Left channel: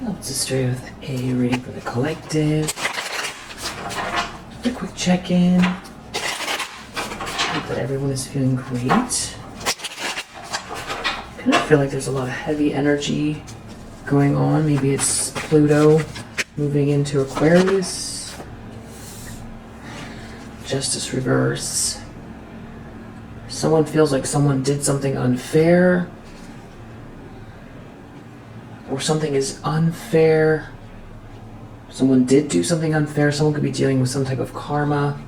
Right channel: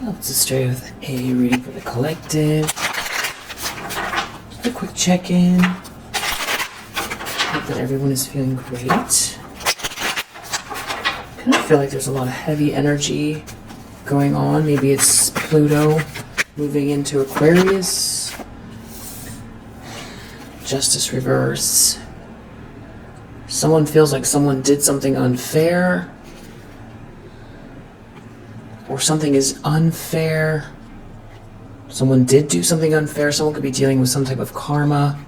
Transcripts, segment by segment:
Let's just start with a reading for the collective. A quick check-in. Hope that everyone is feeling great. Kind of feel like there's a lot of heavy energy going on. Maybe it's Pluto moving into Aquarius. Justice reverse. Someone feels like someone did something unfair. Or something is unfair. Someone did do something unfair. Someone could be dealing with some type of karma.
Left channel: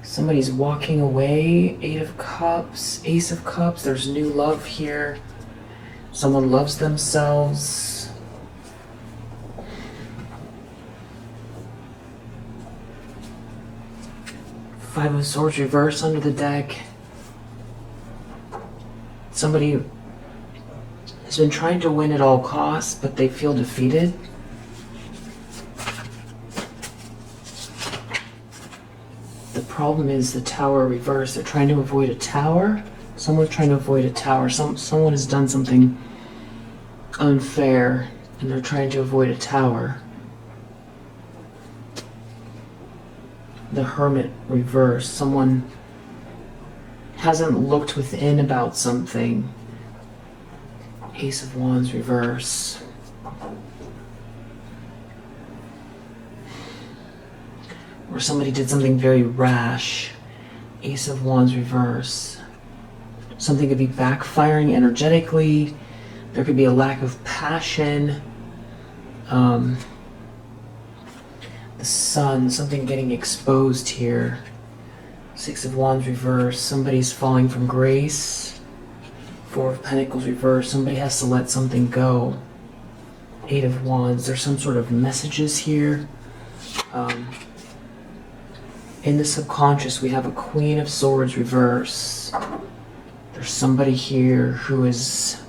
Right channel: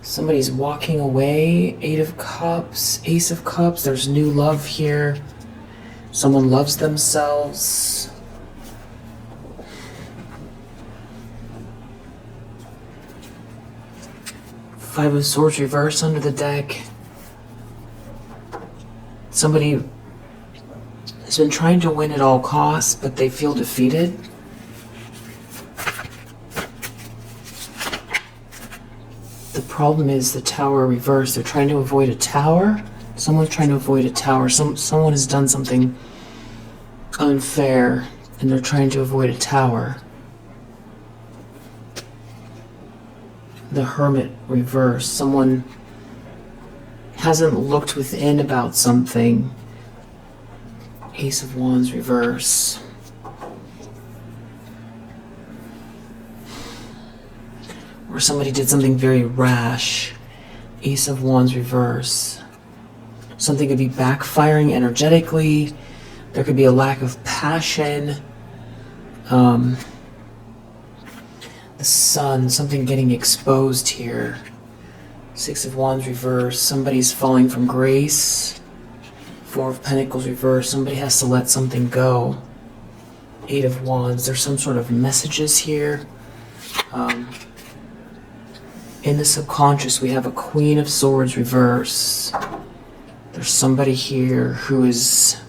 Somebody's walking away. 8 of Cups, Ace of Cups. There's new love here. Someone loves themselves. Five of Swords reverse under the deck. Somebody has been trying to win at all costs, but they feel defeated. The problem is the Tower reverse. They're trying to avoid a tower. Someone's trying to avoid a tower. Someone has done something unfair, and they're trying to avoid a tower. The Hermit reverse. Someone hasn't looked within about something. Ace of Wands reverse. Or somebody did something very rash. Ace of Wands reverse. Something could be backfiring energetically. There could be a lack of passion. The Sun, something getting exposed here. 6 of Wands reverse. Somebody's falling from grace. 4 of Pentacles reverse. Somebody has to let something go. 8 of Wands. There's some sort of messages here. In the subconscious, we have a Queen of Swords reverse. There's somebody here who is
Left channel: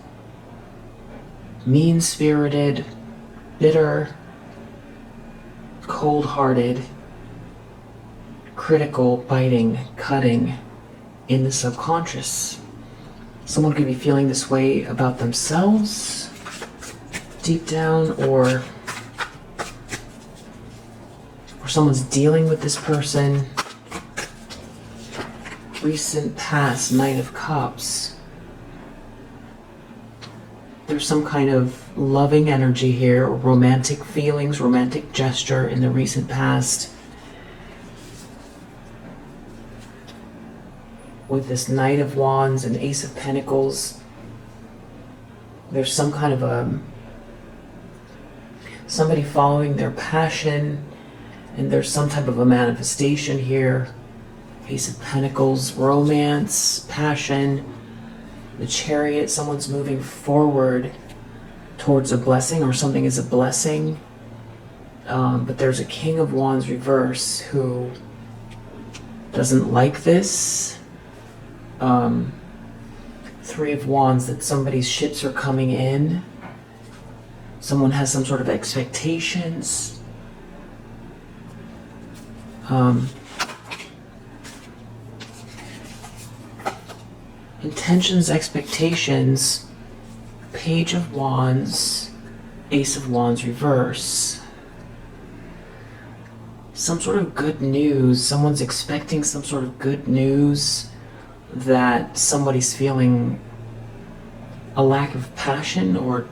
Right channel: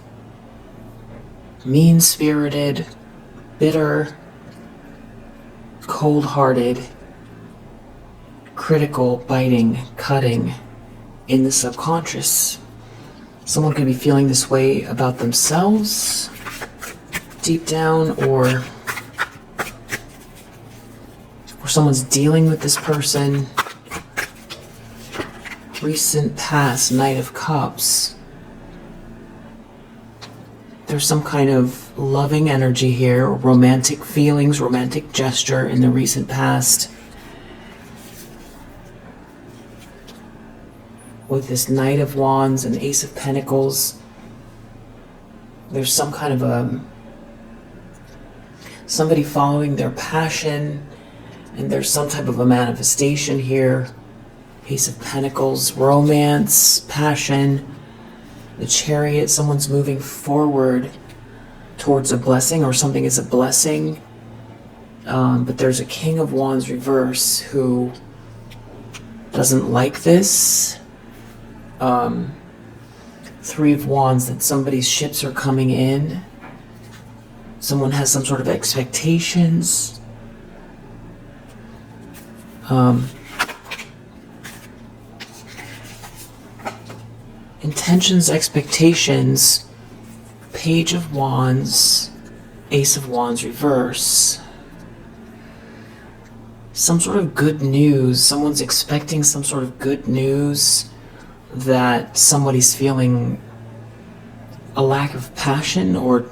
mean-spirited, bitter, cold-hearted, critical, biting, cutting in the subconscious. Someone could be feeling this way about themselves deep down, or someone's dealing with this person. Recent past, Knight of Cups. There's some kind of loving energy here, romantic feelings, romantic gesture in the recent past. With this Knight of Wands and Ace of Pentacles, there's some kind of somebody following their passion, and there's some type of a manifestation here. Ace of Pentacles, romance, passion. The Chariot, someone's moving forward towards a blessing, or something is a blessing. But there's a King of Wands reverse who doesn't like this. 3 of Wands, that somebody's ships are coming in. Someone has some sort of expectations. Intentions, expectations. Page of Wands, Ace of Wands reverse. Some sort of good news. Someone's expecting some sort of good news, that somebody's feeling a lack of passion or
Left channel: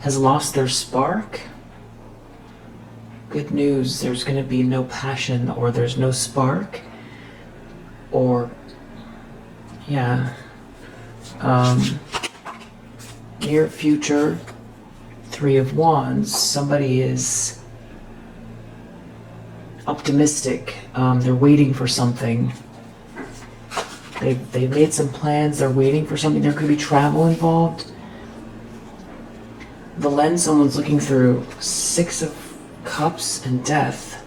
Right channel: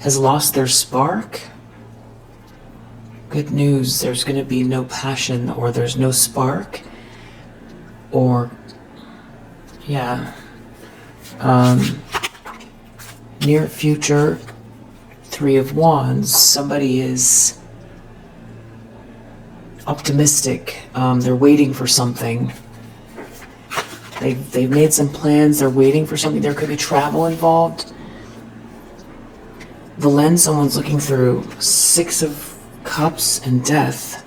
has lost their spark. Good news, there's going to be no passion, or there's no spark, or yeah. Near future, 3 of Wands, somebody is optimistic. They're waiting for something. They've made some plans. They're waiting for something. There could be travel involved. The lens someone's looking through, 6 of Cups and Death.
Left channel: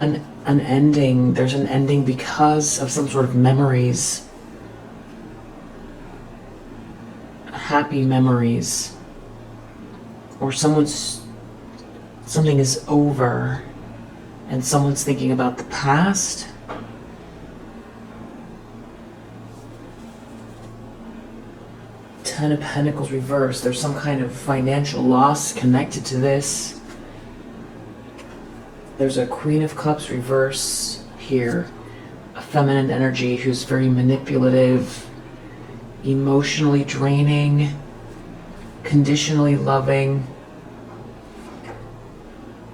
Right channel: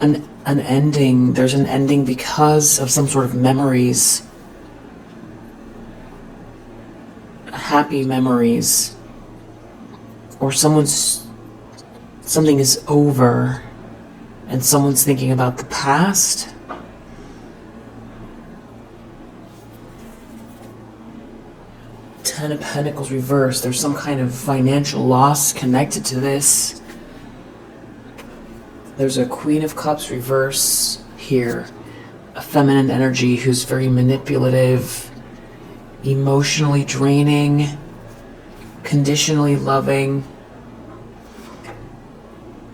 An ending. There's an ending because of some sort of memories. Happy memories. Or something is over and someone's thinking about the past. Ten of Pentacles reversed. There's some kind of financial loss connected to this. There's a Queen of Cups reverse here. A feminine energy who's very manipulative, emotionally draining, conditionally loving.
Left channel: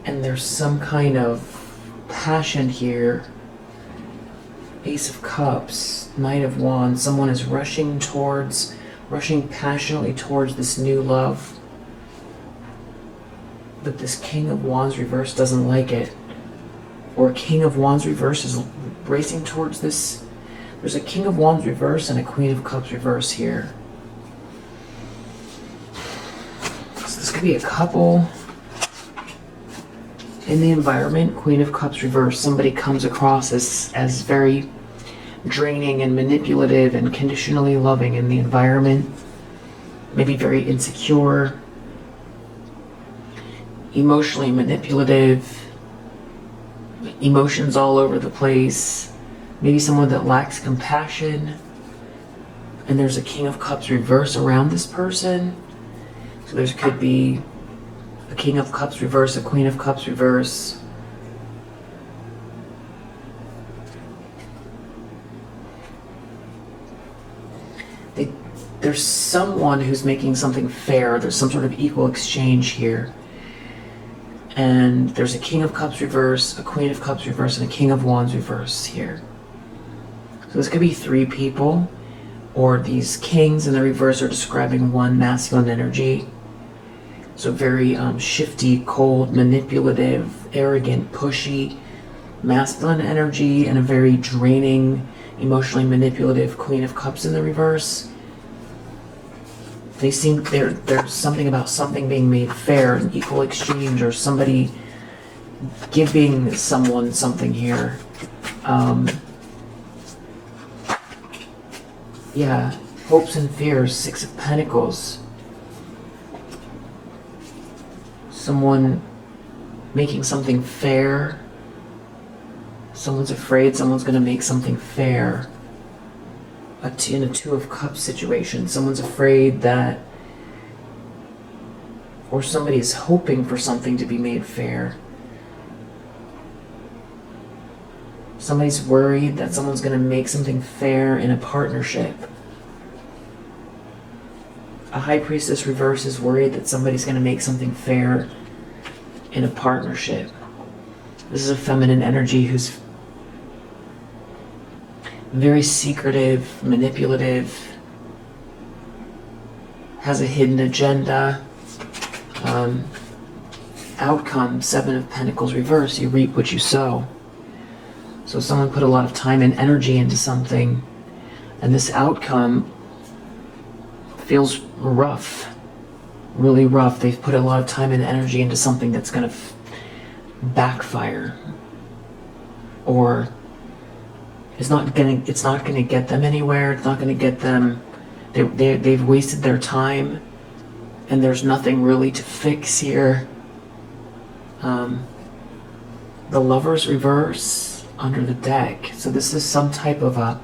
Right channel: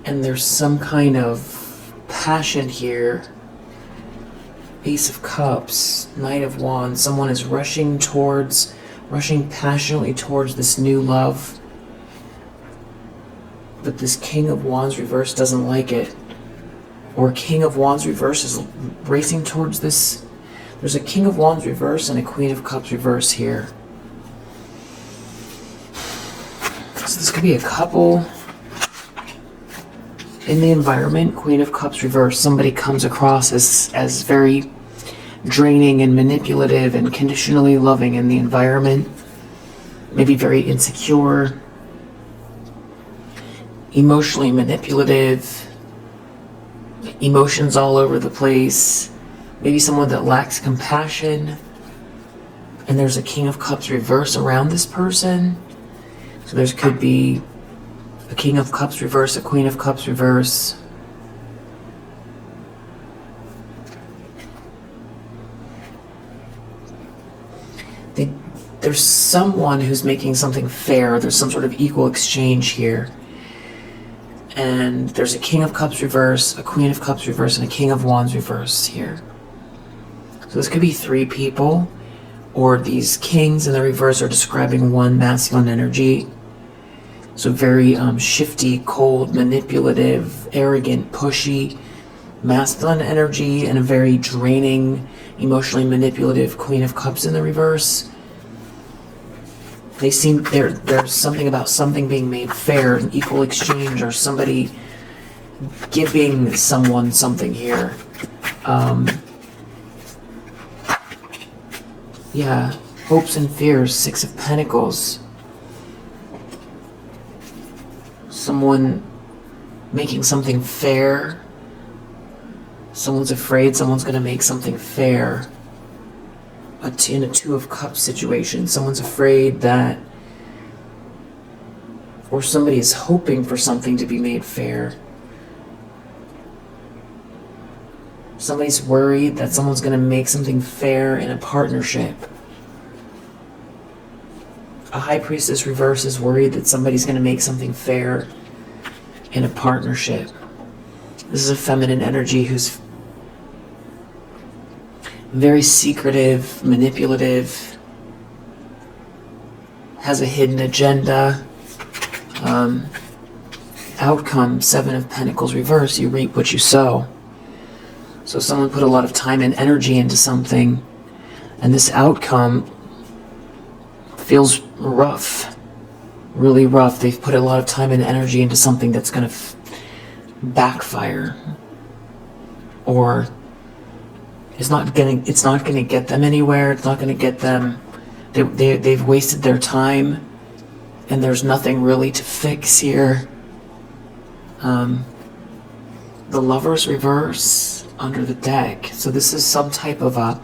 And there's some kind of passion here. Ace of Cups, Knight of Wands. Someone is rushing passionately towards this new love. But this King of Wands reverse doesn't like it. Or King of Wands reverse is racing towards this. There's a King of Wands reverse and a Queen of Cups reverse here. So this could be a couple in the environment. Queen of Cups reverse. Somebody comes across as very draining and manipulative and conditionally loving in the environment. Maybe very insecure, emotionally manipulative, emotions all over the place. Maybe someone that lacks compassion. And there's a King of Cups reverse around this person. So there could be a King of Cups reverse, a Queen of Cups reverse. There's someone who's making something fair. There's some sort of equal exchange here. And there's a King of Cups reverse, a Queen of Cups reverse, and a King of Wands reverse here. So this could be three people, or these kings in the reverse are describing one masculine energy. So very shifty, cold, manipulative, arrogant, pushy, masculine energy, and a very draining, emotionally manipulative Queen of Cups in the reverse. They seem there's something about something being made fair, an equal exchange, or somebody giving someone something here. Yeah, hopes and fears, Six of Pentacles. Someone making something fair. Someone's afraid someone's going to make something fair. In a Two of Cups situation, someone's afraid that, or somebody is hoping for something to be made fair. Somebody's worried that someone's going to make something fair in a partnership. A High Priestess reverse is worried that somebody's going to make something fair in a partnership. This is a feminine energy who's very secretive, manipulative, has a hidden agenda. Outcome, Seven of Pentacles reverse, you reap what you sow. So someone put a lot of time and energy into something, and this outcome feels rough, really rough. They've put a lot of time and energy into something that's going to backfire, or it's not going to get them anywhere. It's not going to get them. They've wasted their time, and there's nothing really to fix here. The Lovers reverse under the deck. So this is some type of a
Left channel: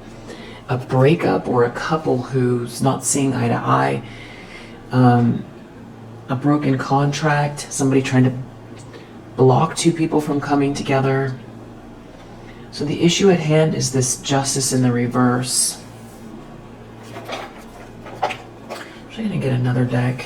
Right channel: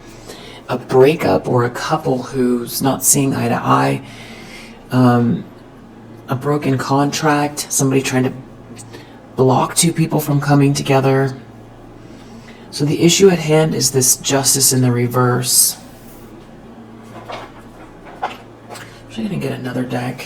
breakup, or a couple who's not seeing eye to eye. A broken contract. Somebody trying to block two people from coming together. So the issue at hand is this Justice in the reverse. I'm actually going to get another deck.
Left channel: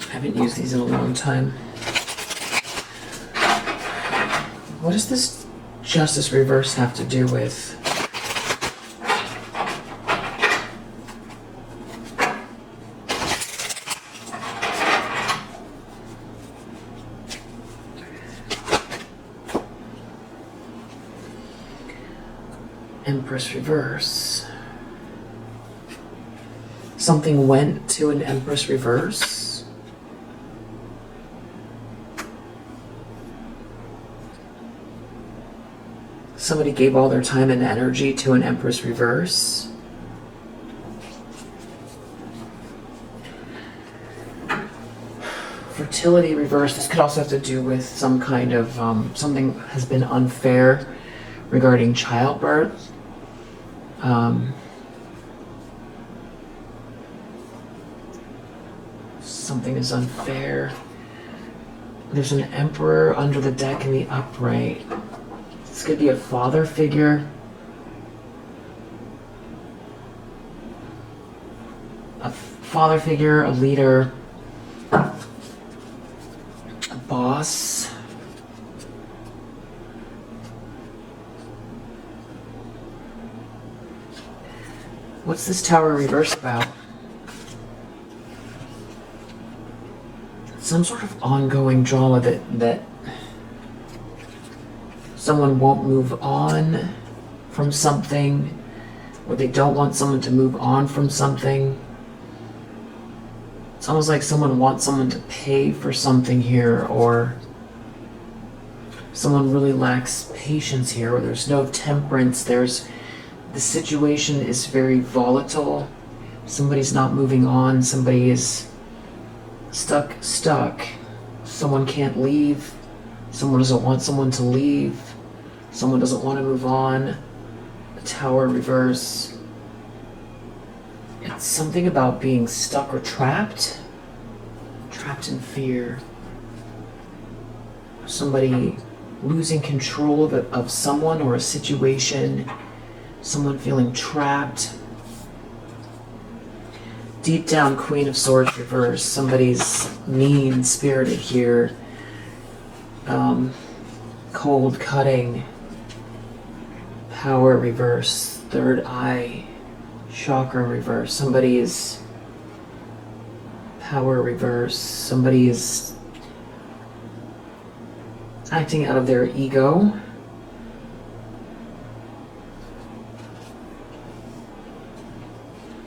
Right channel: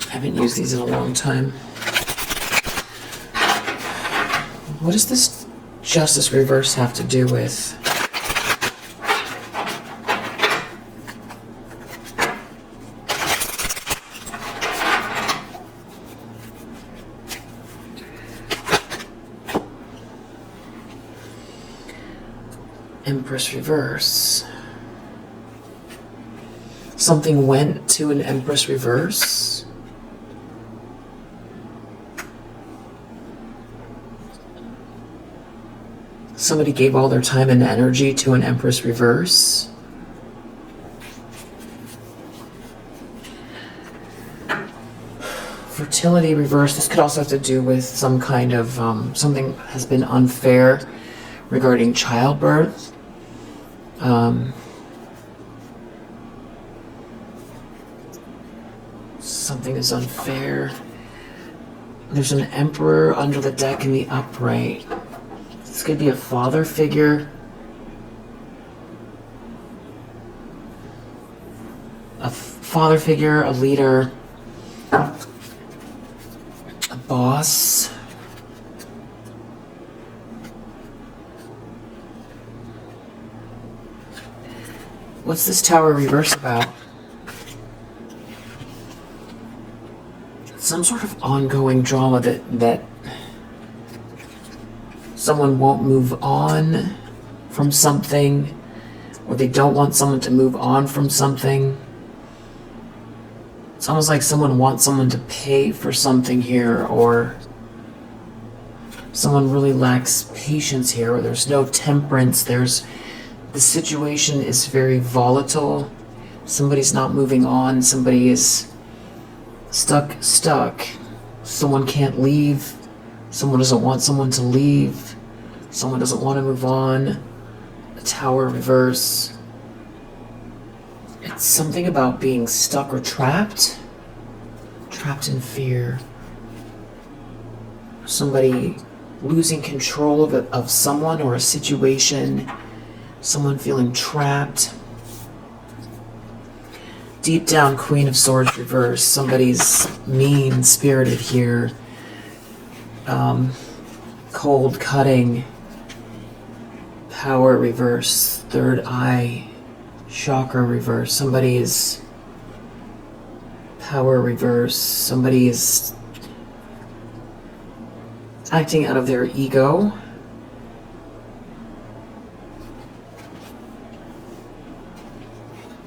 I haven't used these in a long time. What does this Justice reverse have to do with? Empress reverse. Something went to an Empress reverse. Somebody gave all their time and energy to an Empress reverse. Fertility reverse. This could also have to do with some kind of something has been unfair regarding childbirth. Something is unfair. There's an Emperor under the deck in the upright. This could be a father figure. A father figure, a leader, a boss. What's this Tower reverse about? Some sort of ongoing drama that someone won't move on from something, or they don't want someone to move on from something. It's almost like someone wants someone to pay for something here, or someone really lacks patience here, or there's no temperance. The situation is very volatile. Somebody's not moving on. Somebody is stuck. Someone can't leave. Someone doesn't want someone to leave. Someone doesn't want to move on. A Tower reverse. It's something about being stuck or trapped. Trapped in fear. Somebody losing control of someone or a situation. Someone feeling trapped. Deep down, Queen of Swords reverse. Somebody's mean-spirited here. Cold cutting. Power reverse. Third eye. Chakra reverse. Somebody is power reverse. Somebody is acting out of their ego.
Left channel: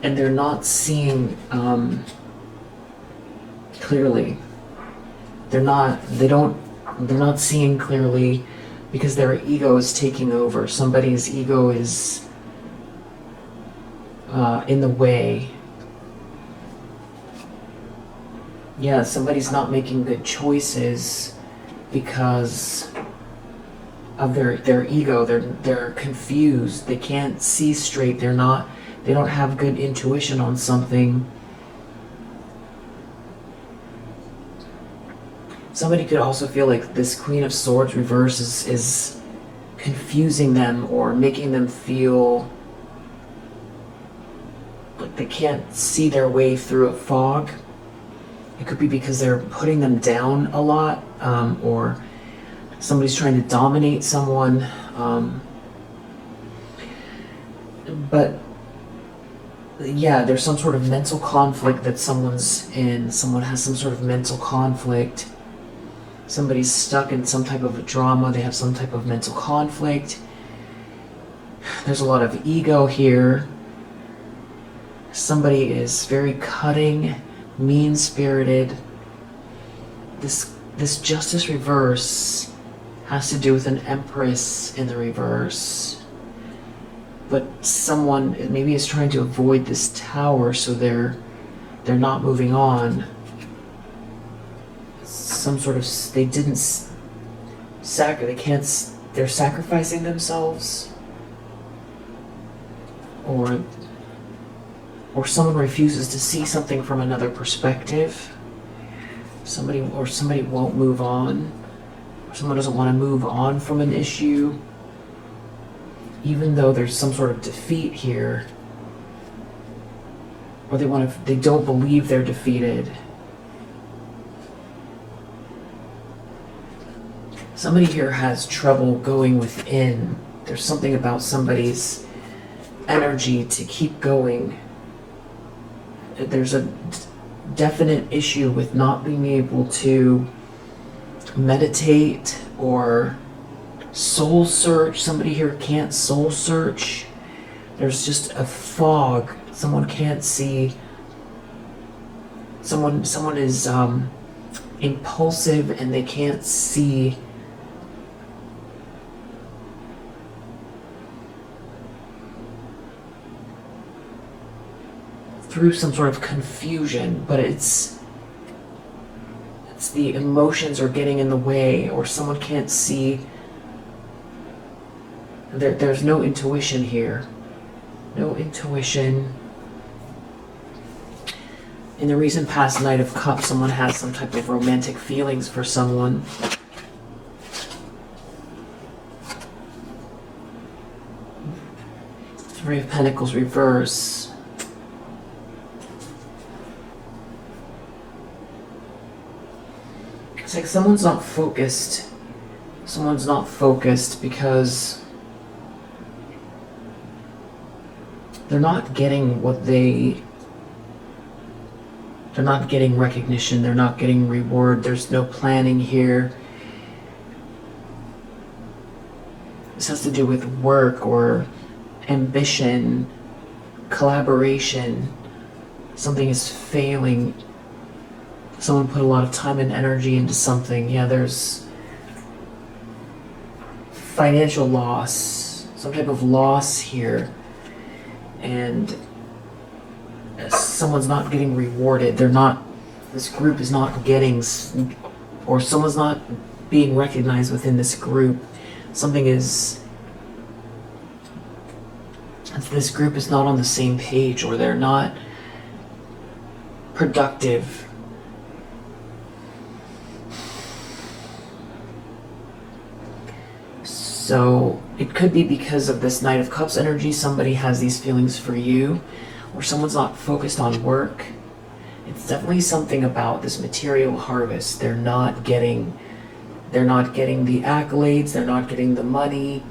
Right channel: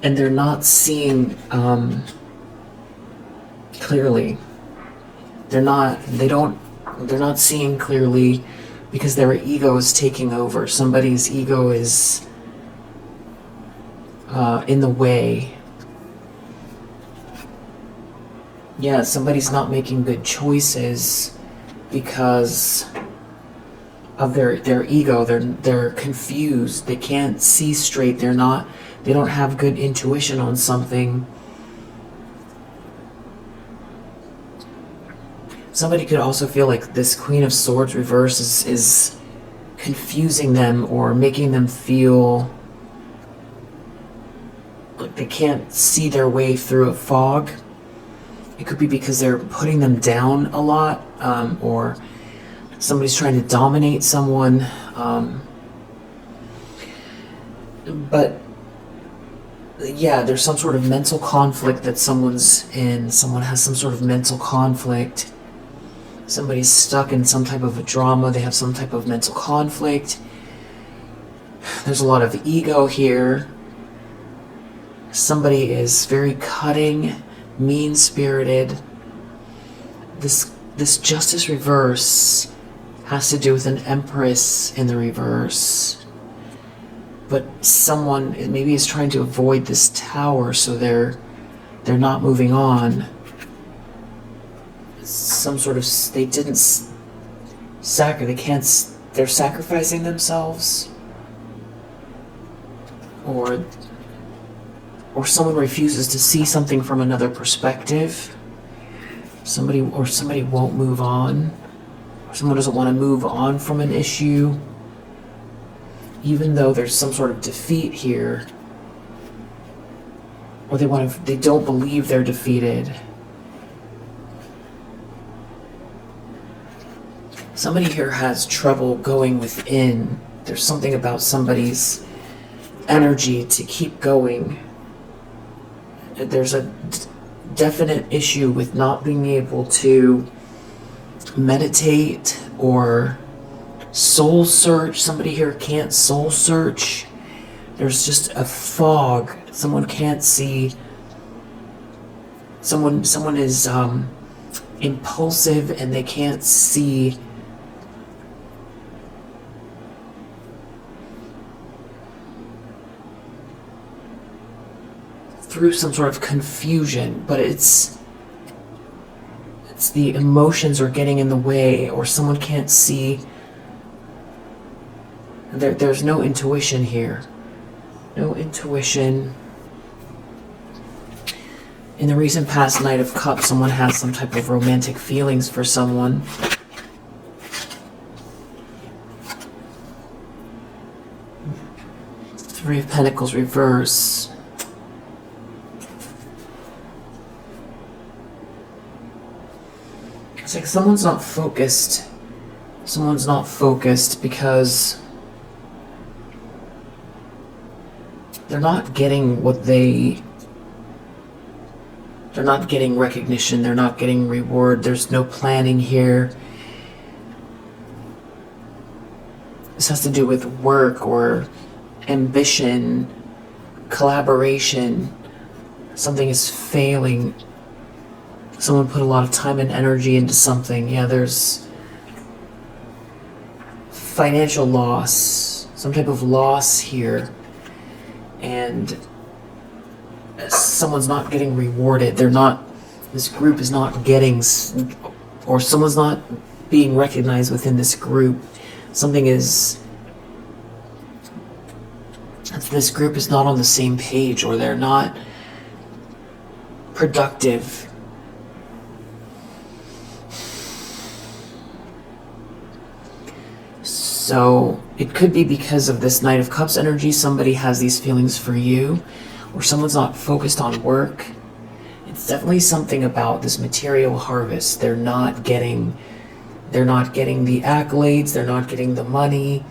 And they're not seeing clearly. They're not seeing clearly because their ego is taking over. Somebody's ego is in the way. Yeah, somebody's not making good choices because of their ego. They're confused. They can't see straight. They don't have good intuition on something. Somebody could also feel like this Queen of Swords reverse is confusing them or making them feel like they can't see their way through a fog. It could be because they're putting them down a lot, or somebody's trying to dominate someone. But yeah, there's some sort of mental conflict that someone's in. Someone has some sort of mental conflict. Somebody's stuck in some type of a drama. They have some type of mental conflict. There's a lot of ego here. Somebody is very cutting, mean-spirited. This Justice reverse has to do with an Empress in the reverse. But someone maybe is trying to avoid this Tower, so they're not moving on. Some sort of they're sacrificing themselves, or someone refuses to see something from another perspective. Somebody won't move on. Someone doesn't want to move on from an issue, even though there's some sort of defeat here, or they don't believe they're defeated. Somebody here has trouble going within. There's something about somebody's energy to keep going. There's a definite issue with not being able to meditate or soul search. Somebody here can't soul search. There's just a fog. Someone can't see. Someone is impulsive and they can't see through some sort of confusion, but it's the emotions are getting in the way, or someone can't see. There's no intuition here. No intuition. In the recent past Knight of Cups, someone has some type of romantic feelings for someone. Three of Pentacles reverse. It's like someone's not focused. Someone's not focused because they're not getting what they're not getting recognition, they're not getting reward, there's no planning here. This has to do with work or ambition, collaboration. Something is failing. Someone put a lot of time and energy into something. Yeah, there's financial loss, some type of loss here. And someone's not getting rewarded. This group is not getting, or someone's not being recognized within this group. This group is not on the same page, or they're not productive. So it could be because of this Knight of Cups energy, somebody has these feelings for you, or someone's not focused on work. It's definitely something about this material harvest. They're not getting the accolades, they're not getting the money,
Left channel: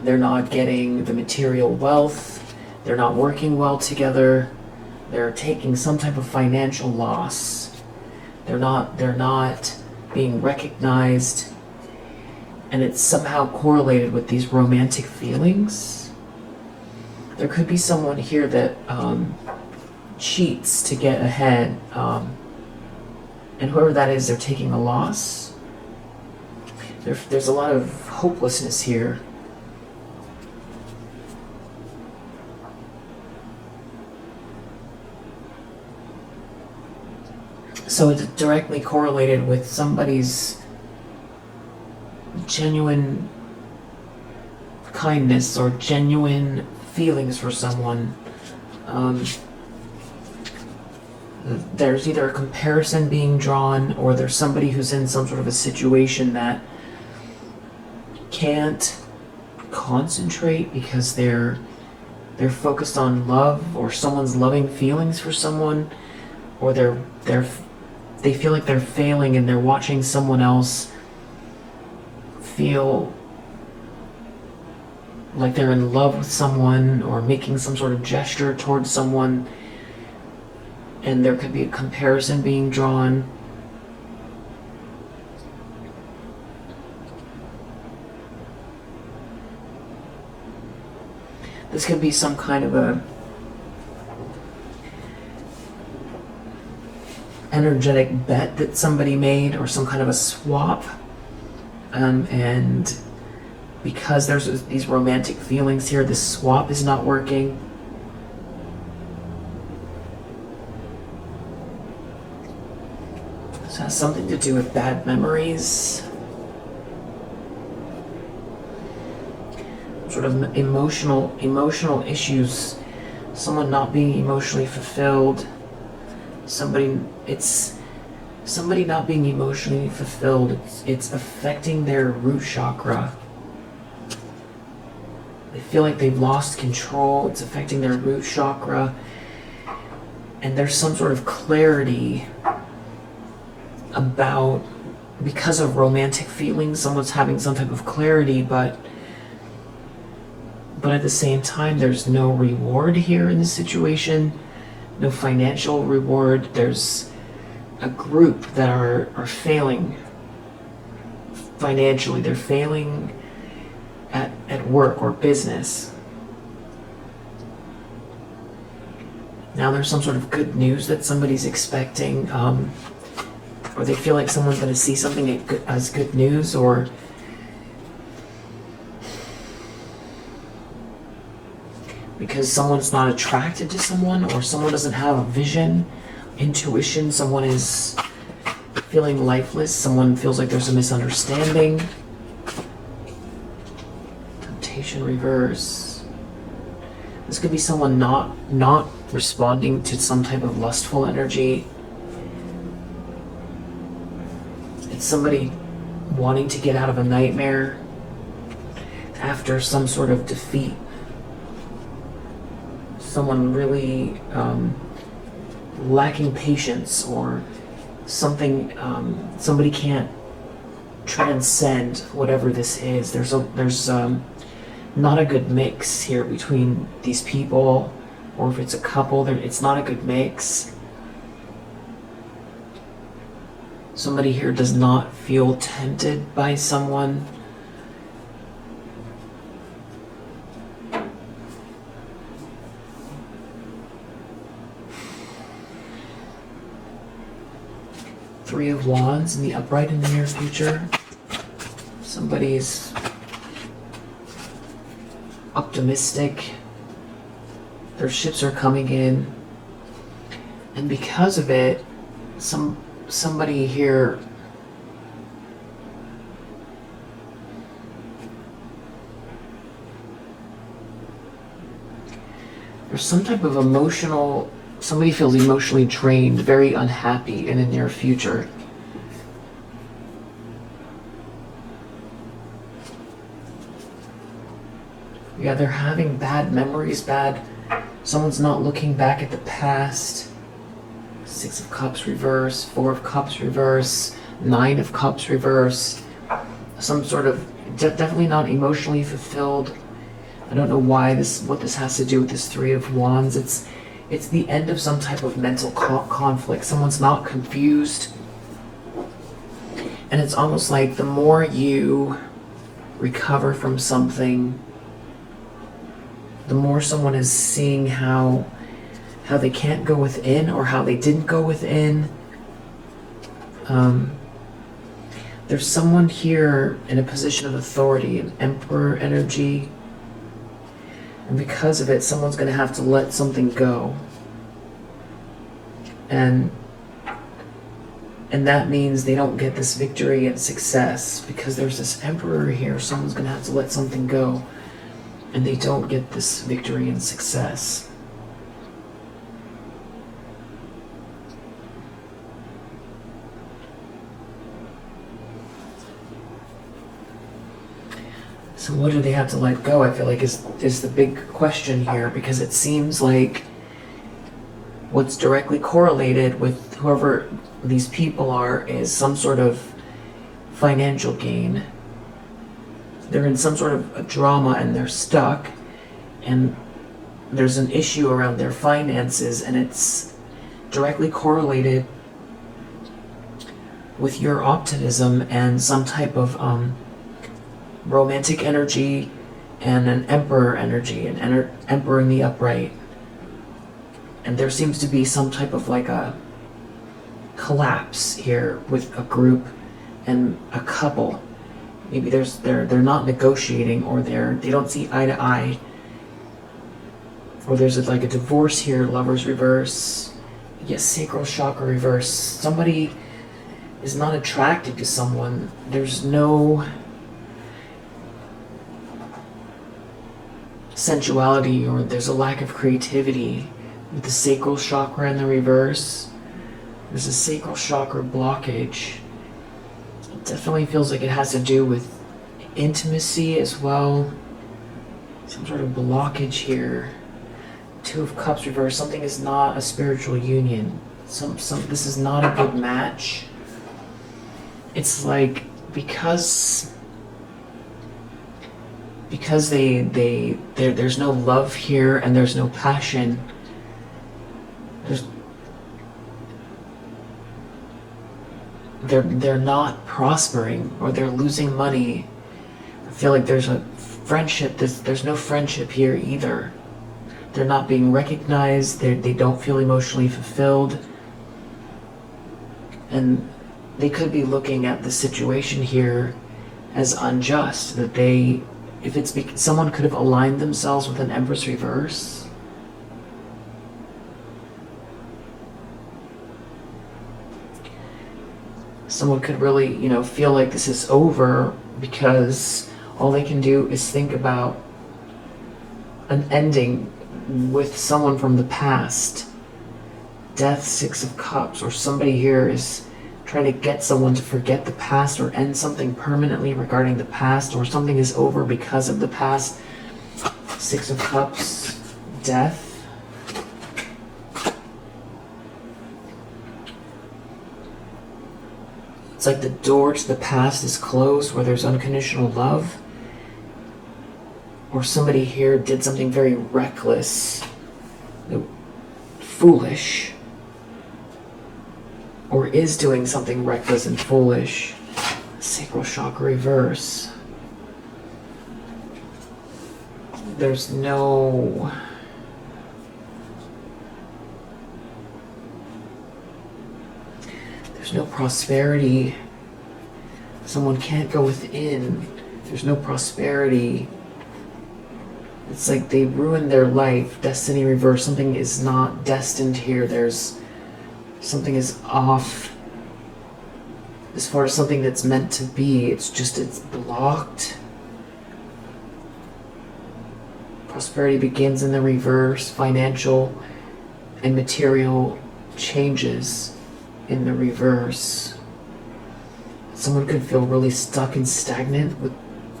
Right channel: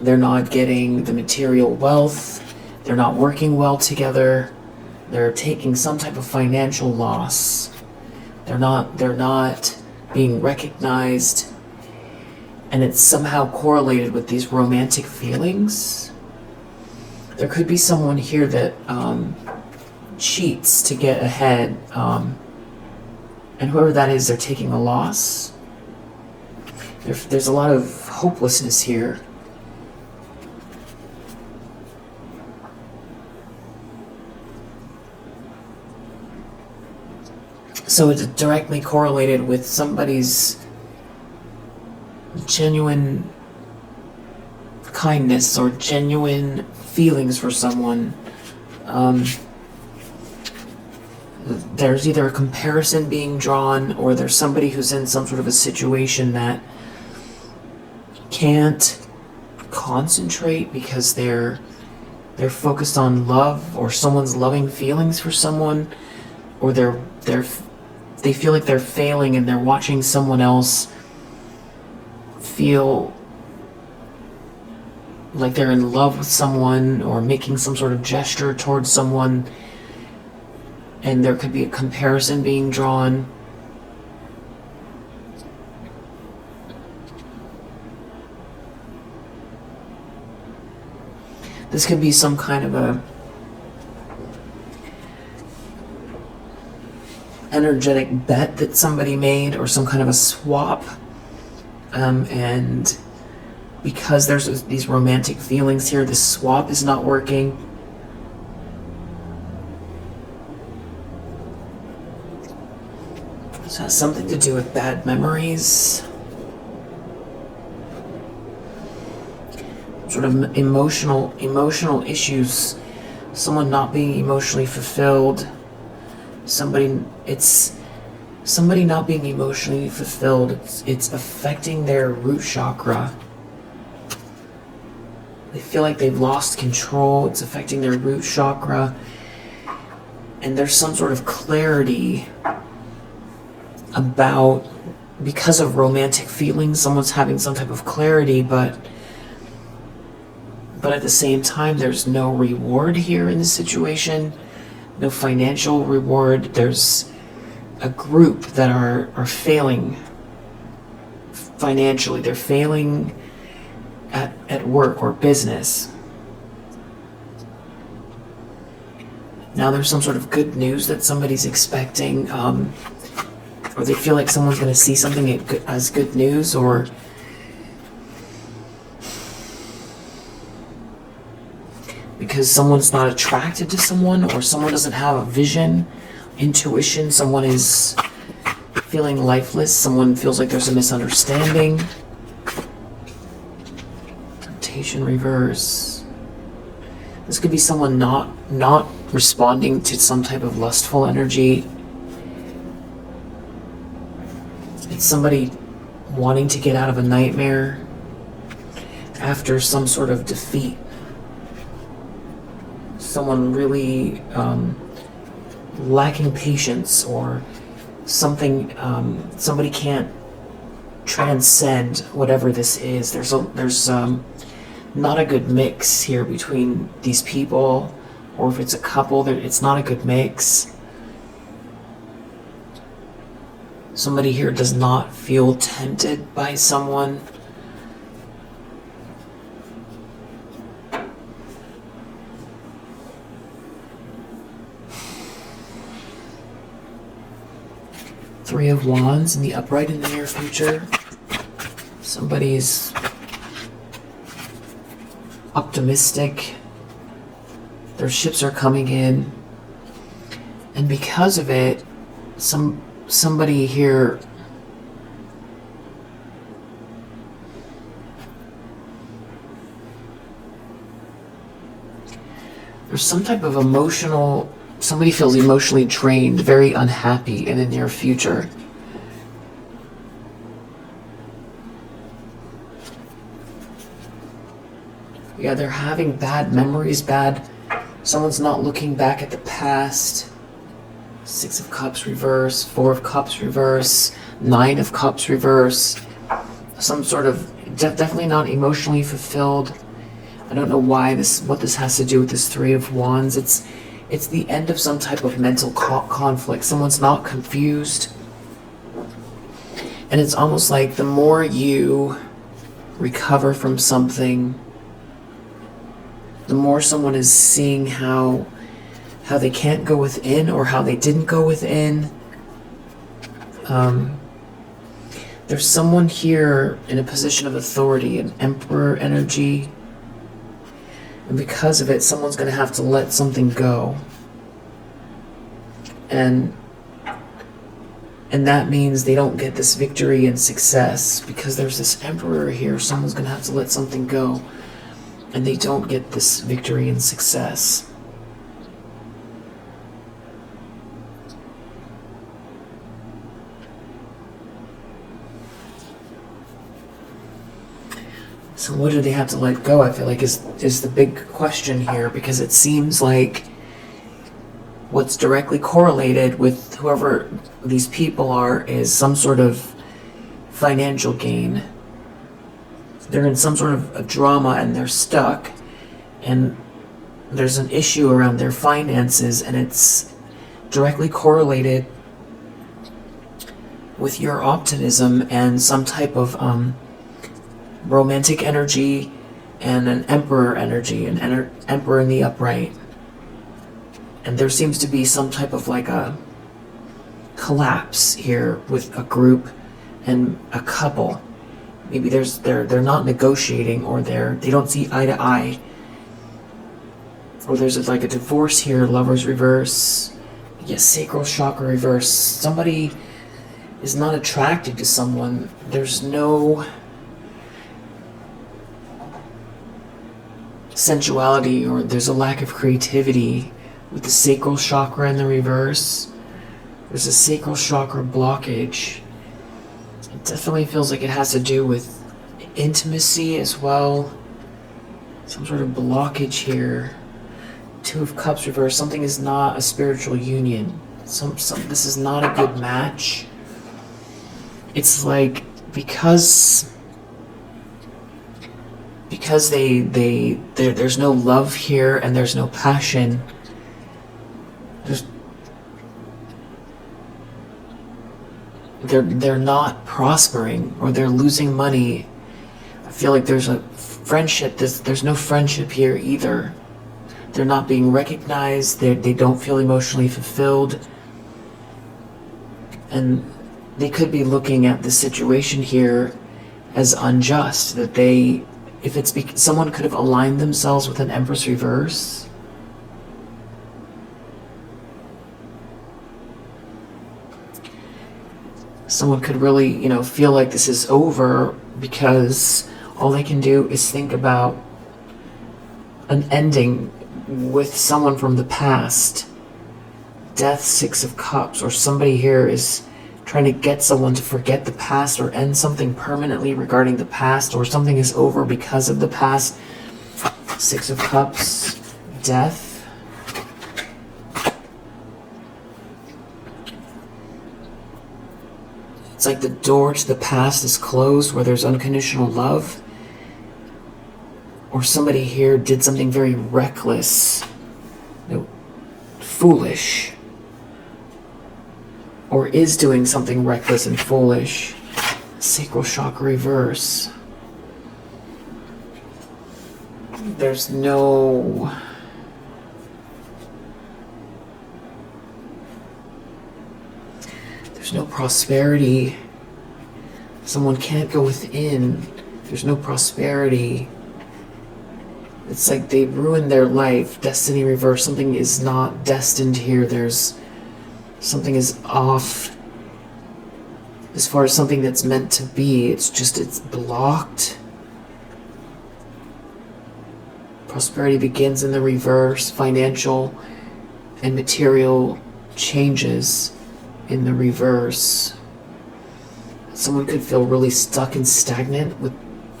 they're not getting the material wealth, they're not working well together, they're taking some type of financial loss. They're not being recognized. And it's somehow correlated with these romantic feelings. There could be someone here that cheats to get ahead. And whoever that is, they're taking a loss. There's a lot of hopelessness here. So it's directly correlated with somebody's genuine kindness or genuine feelings for someone. There's either a comparison being drawn, or there's somebody who's in some sort of a situation that can't concentrate because they're focused on love, or someone's loving feelings for someone, or they feel like they're failing and they're watching someone else feel like they're in love with someone or making some sort of gesture towards someone, and there could be a comparison being drawn. This could be some kind of a energetic bet that somebody made, or some kind of a swap. And because there's these romantic feelings here, this swap is not working. This has something to do with bad memories. Sort of emotional issues. Someone not being emotionally fulfilled. Somebody not being emotionally fulfilled, it's affecting their root chakra. They feel like they've lost control, it's affecting their root chakra. And there's some sort of clarity about, because of romantic feelings, someone's having some type of clarity, but at the same time, there's no reward here in this situation, no financial reward. There's a group that are failing financially. They're failing at work or business. Now there's some sort of good news that somebody's expecting, or they feel like someone's going to see something as good news, or because someone's not attracted to someone, or someone doesn't have a vision, intuition, someone is feeling lifeless, someone feels like there's a misunderstanding. Temptation reverse. This could be someone not responding to some type of lustful energy. It's somebody wanting to get out of a nightmare after some sort of defeat. Someone really lacking patience, or something, somebody can't transcend whatever this is. There's not a good mix here between these people, or if it's a couple, it's not a good mix. Somebody here does not feel tempted by someone. Three of Wands in the upright in the near future. Somebody's optimistic. Their ships are coming in. And because of it, somebody here there's some type of emotional, somebody feels emotionally drained, very unhappy in the near future. Yeah, they're having bad memories, someone's not looking back at the past. Six of Cups reverse, Four of Cups reverse, Nine of Cups reverse. Some sort of, definitely not emotionally fulfilled. I don't know why what this has to do with this Three of Wands. It's the end of some type of mental conflict. Someone's not confused. And it's almost like the more you recover from something, the more someone is seeing how they can't go within, or how they didn't go within. There's someone here in a position of authority, an Emperor energy. And because of it, someone's going to have to let something go. And that means they don't get this victory and success. Because there's this Emperor here, someone's going to have to let something go. And they don't get this victory and success. So what do they have to let go, I feel like, is the big question here, because it seems like what's directly correlated with whoever these people are is some sort of financial gain. They're in some sort of a drama and they're stuck, and there's an issue around their finances, and it's directly correlated with your optimism and some type of romantic energy and an Emperor energy, an Emperor in the upright. And there seems to be some type of like a collapse here with a group and a couple. Maybe they're not negotiating, or they don't see eye to eye, or there's like a divorce here. Lovers reverse. Yes, sacral chakra reverse. Somebody is not attracted to someone. There's no sensuality, or there's a lack of creativity with the sacral chakra in the reverse. There's a sacral chakra blockage. It definitely feels like it has to do with intimacy as well. Some sort of blockage here. Two of Cups reverse. Something is not a spiritual union. This is not a good match. It's like because there's no love here and there's no passion. They're not prospering, or they're losing money. I feel like there's a friendship. There's no friendship here either. They're not being recognized. They don't feel emotionally fulfilled. And they could be looking at the situation here as unjust, that if it's someone could have aligned themselves with an Empress reverse. Someone could really, feel like this is over because all they can do is think about an ending with someone from the past. Death, Six of Cups, or somebody here is trying to get someone to forget the past or end something permanently regarding the past, or something is over because of the past. Six of Cups, Death. It's like the door to the past is closed where there's unconditional love. Or somebody here did something very reckless, foolish, or is doing something reckless and foolish. Sacral chakra reverse. There's no prosperity. Someone can't go within. There's no prosperity. It's like they ruined their life. Destiny reverse. Something is not destined here. Something is off as far as something that's meant to be. It's blocked. Prosperity begins in the reverse. Financial and material changes in the reverse. Someone could feel really stuck and stagnant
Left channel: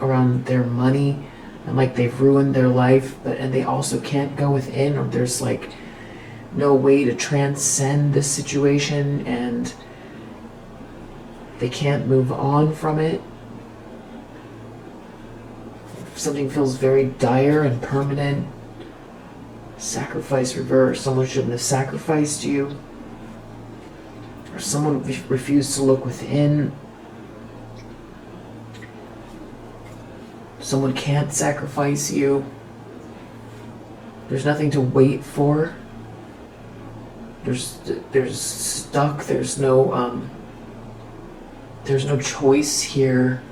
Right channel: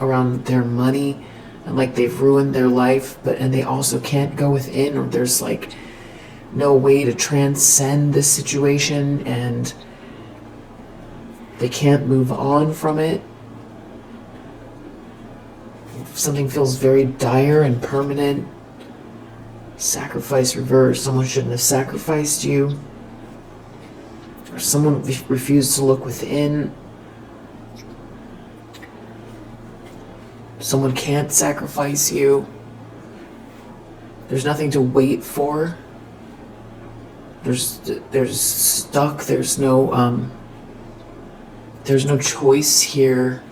around their money, and like they've ruined their life, and they also can't go within, or there's like no way to transcend this situation, and they can't move on from it. Something feels very dire and permanent. Sacrifice reverse. Someone shouldn't have sacrificed you. Or someone refused to look within. Someone can't sacrifice you. There's nothing to wait for. There's stuck. There's no choice here.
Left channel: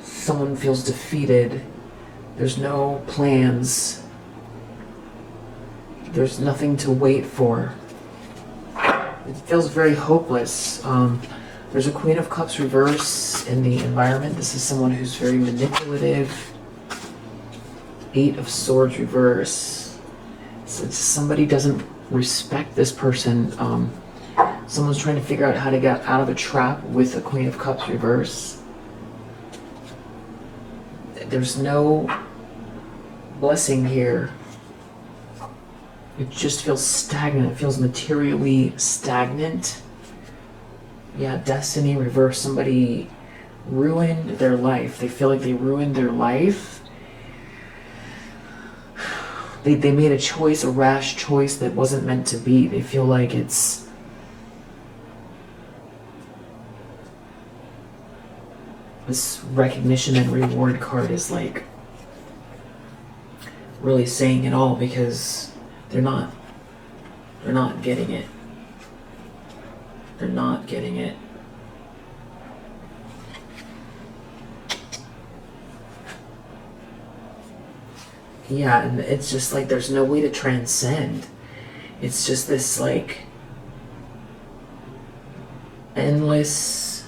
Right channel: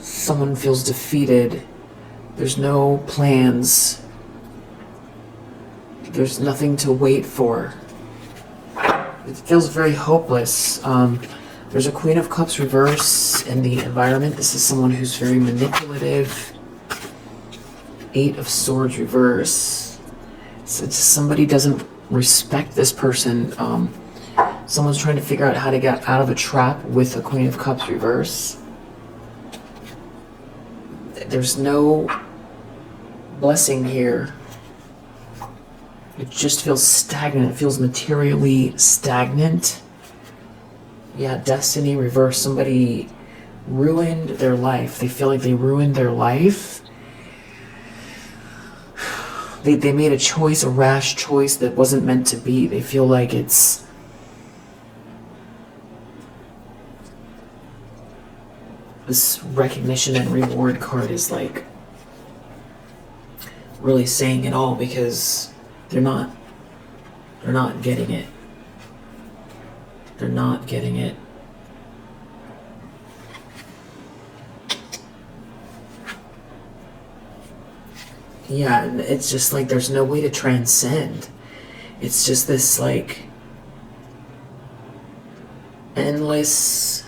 Someone feels defeated. There's no plans. There's nothing to wait for. It feels very hopeless. There's a Queen of Cups reverse in the environment. This is someone who's very manipulative. Eight of Swords reverse. So somebody doesn't respect this person. Someone's trying to figure out how to get out of a trap with a Queen of Cups reverse. There's no blessing here. It just feels stagnant. It feels materially stagnant. Yeah, Destiny reverse. Somebody ruined their life. They feel like they ruined their life. They made a choice, a rash choice that wasn't meant to be. They feel like it's... This recognition and reward card is like really saying it all, because they're not getting it. They're not getting it. Yeah, and it's just like there's no way to transcend. It's just this like endless...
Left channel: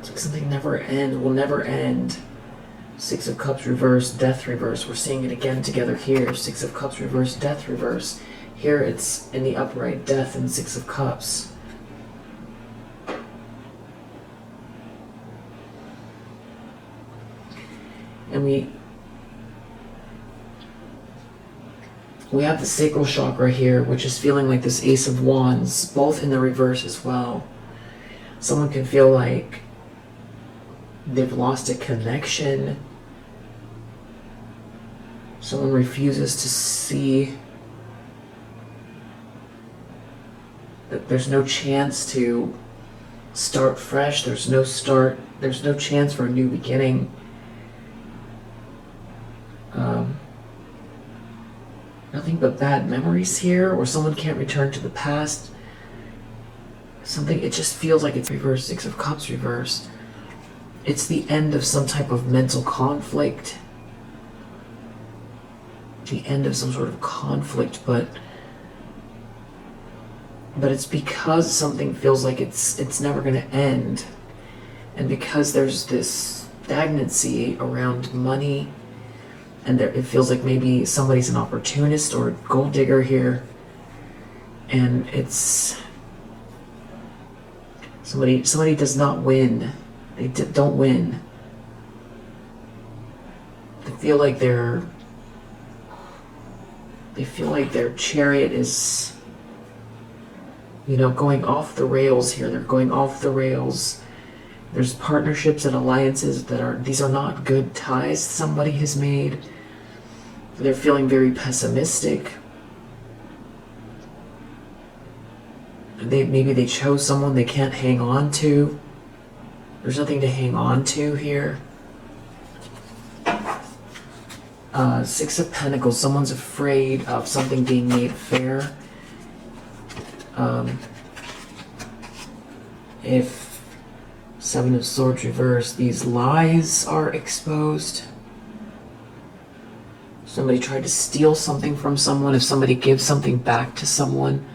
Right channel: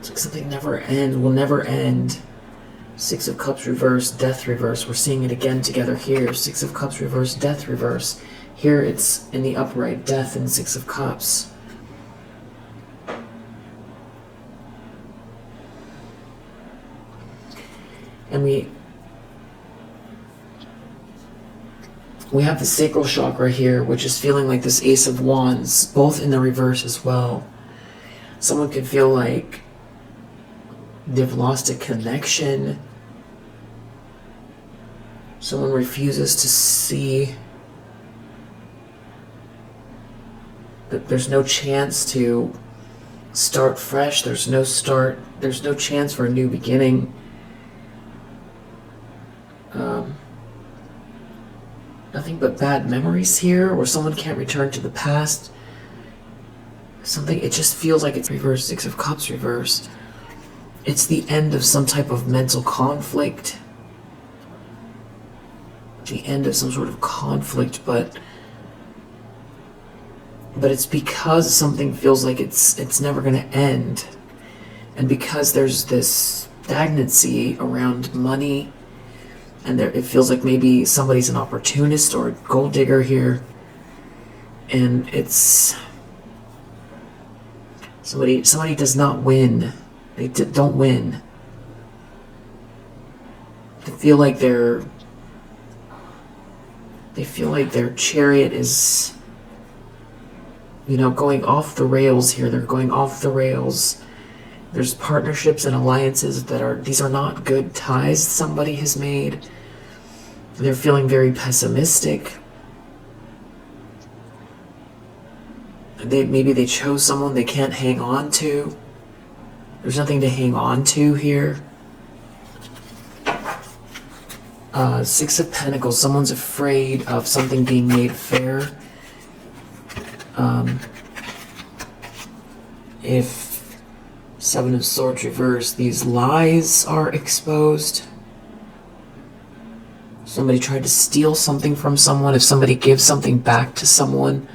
It's like something will never end. Six of Cups reverse, Death reverse. We're seeing it again together here. Six of Cups reverse, Death reverse. Here it's in the upright, Death and Six of Cups. And we have the sacral chakra here, which is feeling like this Ace of Wands, both in the reverse as well. Someone could feel like they've lost a connection. Someone refuses to see that there's no chance to start fresh. There's no chance for a new beginning. Nothing but bad memories here, or someone can't return to the past. something, it just feels like it's reversed. Six of Cups reversed. It's the end of some type of mental conflict. The end of some sort of conflict, but it's because something feels like it's never going to end. And because there's this stagnancy around money, and it feels like maybe somebody's an opportunist or a gold digger here, and it's somebody does not win. They don't win. They feel like their chariot is, going off the rails here. They're going off the rails. There's partnerships and alliances these are not good ties somebody has made. They're feeling very pessimistic. Maybe they chose someone they can't hang on to. There's nothing to hang on to here. Six of Pentacles. Someone's afraid of something being made fair. If Seven of Swords reversed, these lies are exposed. Somebody tried to steal something from someone. If somebody gives something back to someone,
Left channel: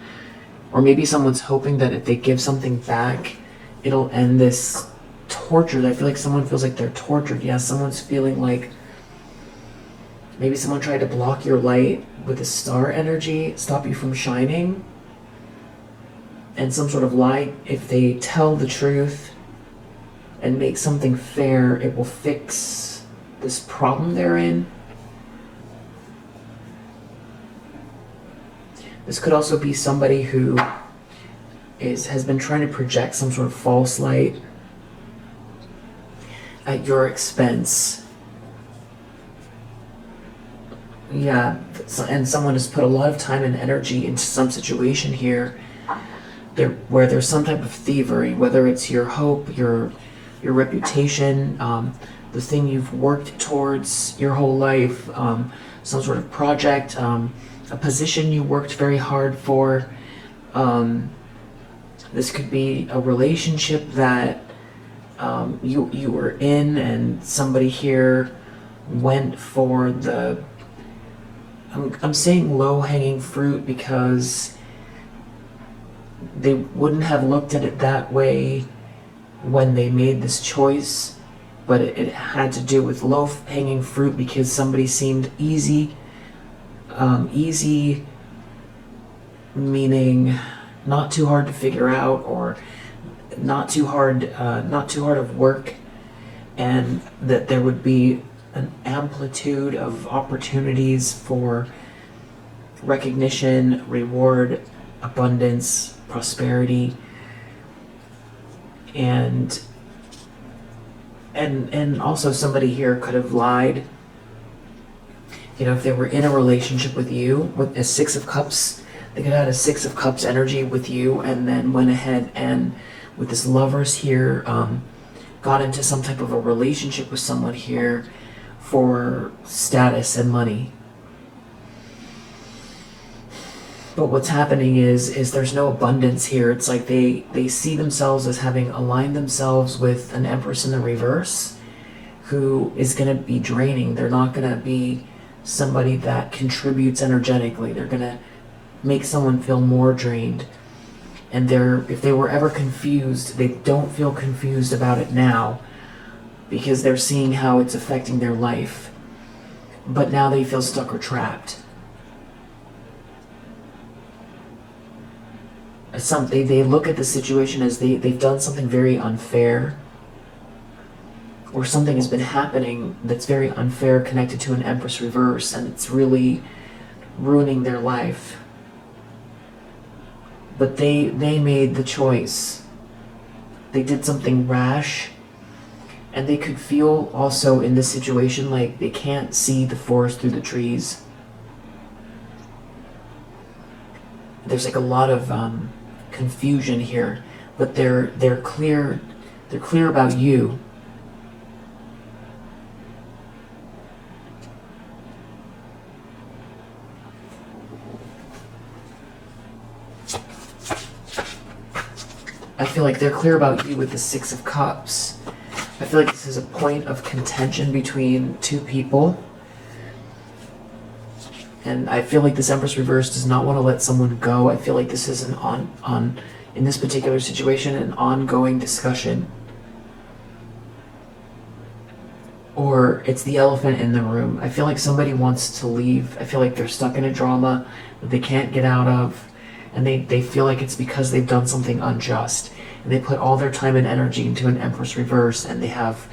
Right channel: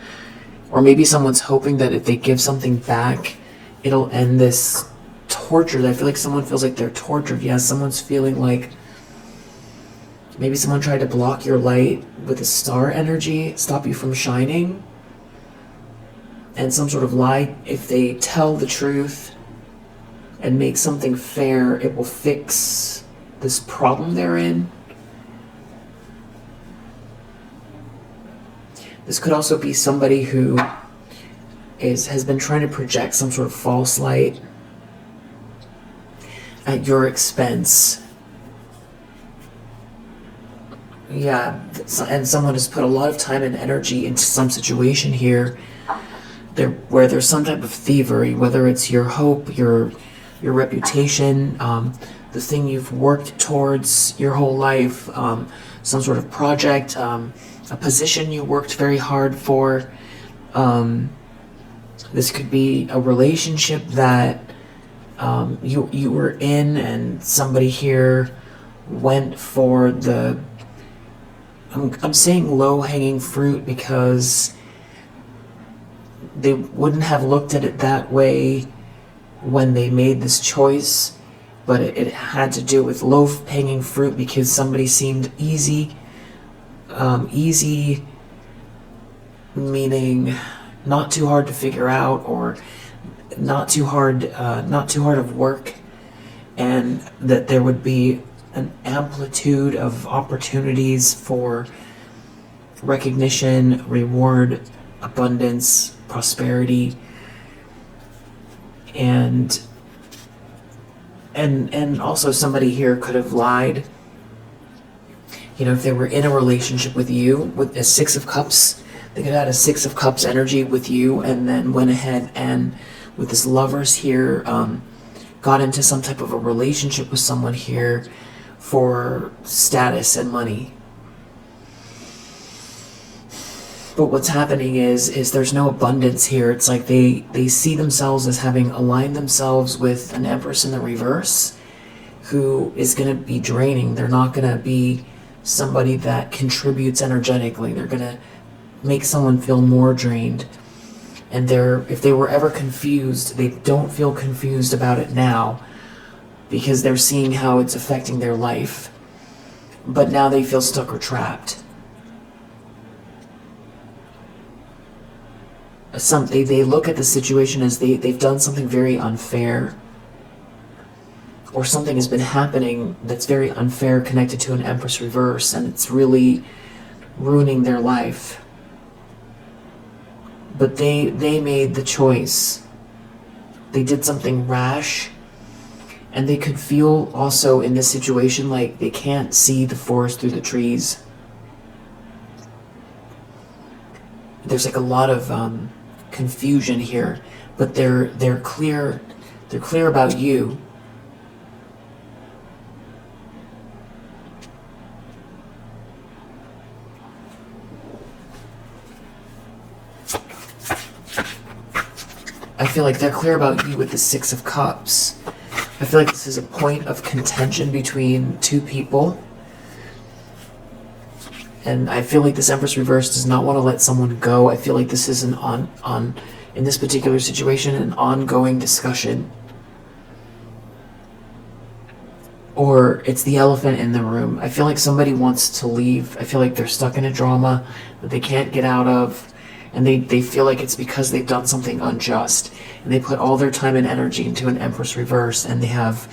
or maybe someone's hoping that if they give something back, it'll end this torture. I feel like someone feels like they're tortured. Yeah, someone's feeling like maybe someone tried to block your light with a star energy, stop you from shining. And some sort of lie, if they tell the truth and make something fair, it will fix this problem they're in. This could also be somebody who has been trying to project some sort of false light at your expense. Yeah, and someone has put a lot of time and energy into some situation here where there's some type of thievery, whether it's your hope, your reputation, the thing you've worked towards your whole life, some sort of project, a position you worked very hard for. This could be a relationship that you were in, and somebody here went for the... I'm saying low-hanging fruit because they wouldn't have looked at it that way when they made this choice, but it had to do with low-hanging fruit because somebody seemed easy. Easy meaning not too hard to figure out, or not too hard of work, and that there would be an amplitude of opportunities for recognition, reward, abundance, prosperity, and also somebody here could have lied. If they were in a relationship with you, with a Six of Cups, they could have had a Six of Cups energy with you, and then went ahead and, with this Lovers here, got into some type of a relationship with someone here for status and money. But what's happening is there's no abundance here. It's like they see themselves as having aligned themselves with an Empress in the reverse, who is going to be draining. They're not going to be somebody that contributes energetically. They're going to make someone feel more drained. And if they were ever confused, they don't feel confused about it now because they're seeing how it's affecting their life. But now they feel stuck or trapped. They look at the situation as they've done something very unfair, or something has been happening that's very unfair connected to an Empress reverse, and it's really ruining their life. But they made the choice. They did something rash, and they could feel also in this situation like they can't see the forest through the trees. There's like a lot of confusion here, but they're clear about you. I feel like they're clear about you with the Six of Cups. I feel like this is a point of contention between two people. And I feel like this Empress reverse does not want to let someone go. I feel like this is an in this particular situation, an ongoing discussion. Or it's the elephant in the room. I feel like somebody wants to leave. I feel like they're stuck in a drama that they can't get out of. And they feel like it's because they've done something unjust. And they put all their time and energy into an Empress reverse, and they have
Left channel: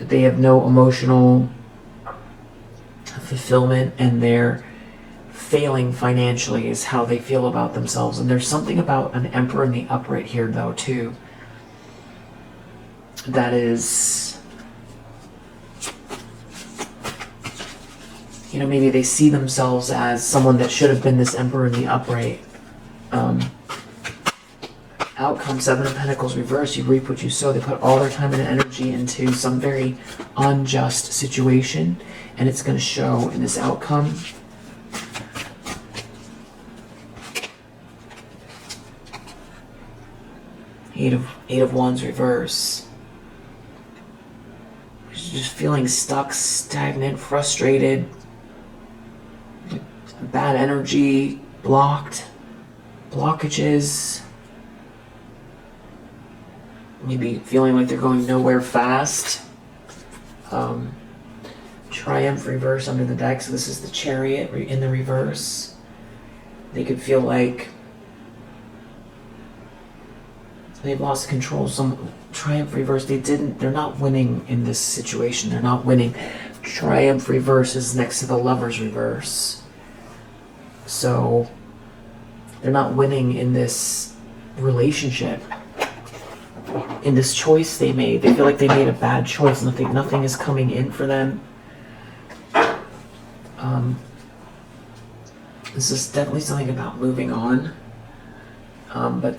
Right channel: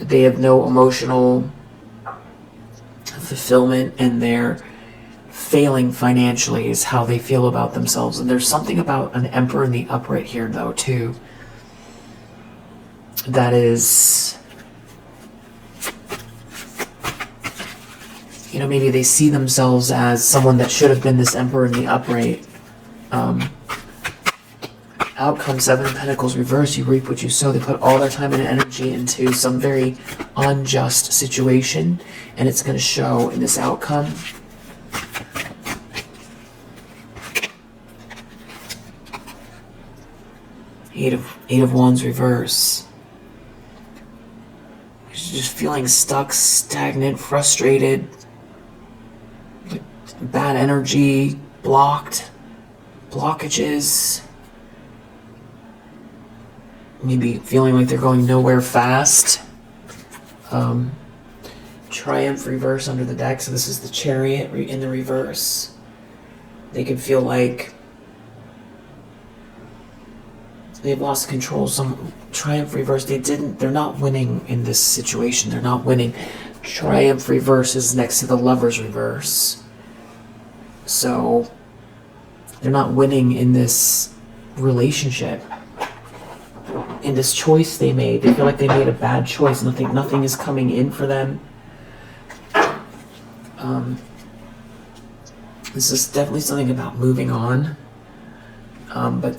no emotional fulfillment, and they're failing financially is how they feel about themselves. And there's something about an Emperor in the upright here, though, too, that is, you know, maybe they see themselves as someone that should have been this Emperor in the upright. Outcome, Seven of Pentacles reverse, you reap what you sow. They put all their time and energy into some very unjust situation, and it's going to show in this outcome. Eight of Wands reverse. Just feeling stuck, stagnant, frustrated, bad energy, blockages. Maybe feeling like they're going nowhere fast. Triumph reverse under the deck. So this is the Chariot in the reverse. They could feel like they've lost control. Some Triumph reverse. They're not winning in this situation. They're not winning. Triumph reverse is next to the Lovers reverse. So they're not winning in this relationship. In this choice they made. They feel like they made a bad choice. Nothing is coming in for them. This is definitely something about moving on. But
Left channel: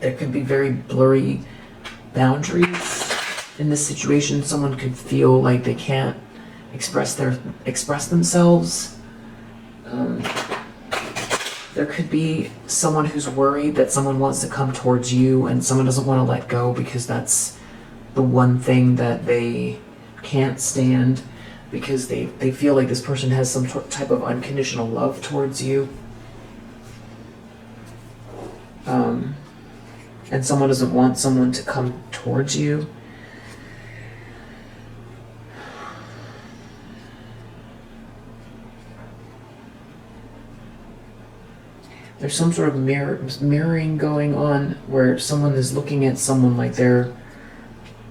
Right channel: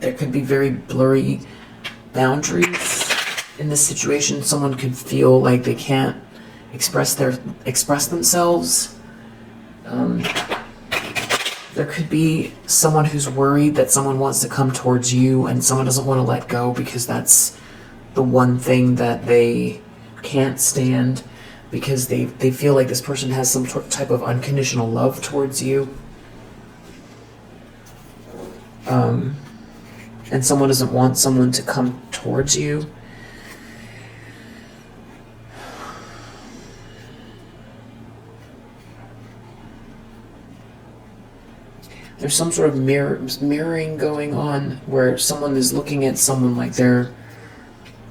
there could be very blurry boundaries in this situation. Someone could feel like they can't express themselves. There could be someone who's worried that someone wants to come towards you and someone doesn't want to let go because that's the one thing that they can't stand, because they feel like this person has some type of unconditional love towards you. And someone doesn't want someone to come towards you. There's some sort of mirroring going on where someone is looking at someone like they're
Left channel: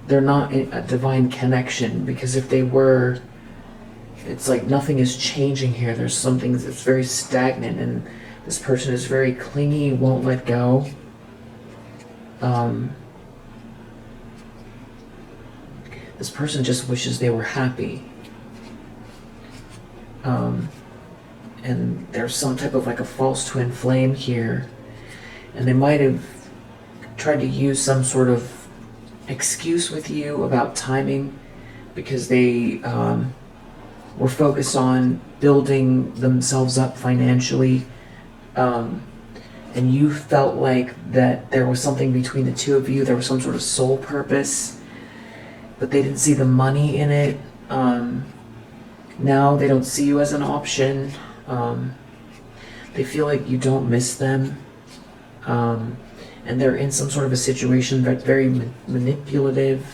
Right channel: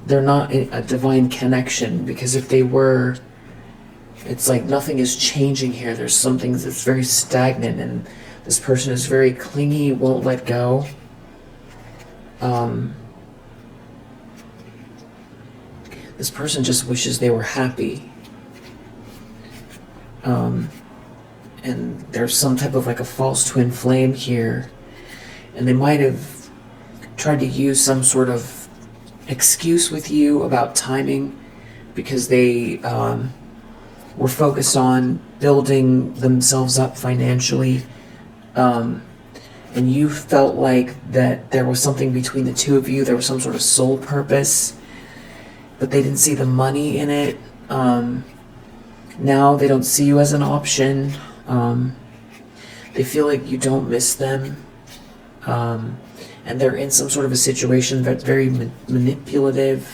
not a divine connection, because if they were, it's like nothing is changing here. There's something that's very stagnant, and this person is very clingy, won't let go. This person just wishes they were happy. And there's some type of like a false twin flame here. And they might have tried to use some sort of excuse with you about timing, because they were focused on building themselves up financially. And you felt like that there was something between the two of you. There was some sort of soul purpose, but they didn't see the money in it. Now they don't see you as an option. They feel like you don't miss them. And they're in some sort of a situation that's very manipulative.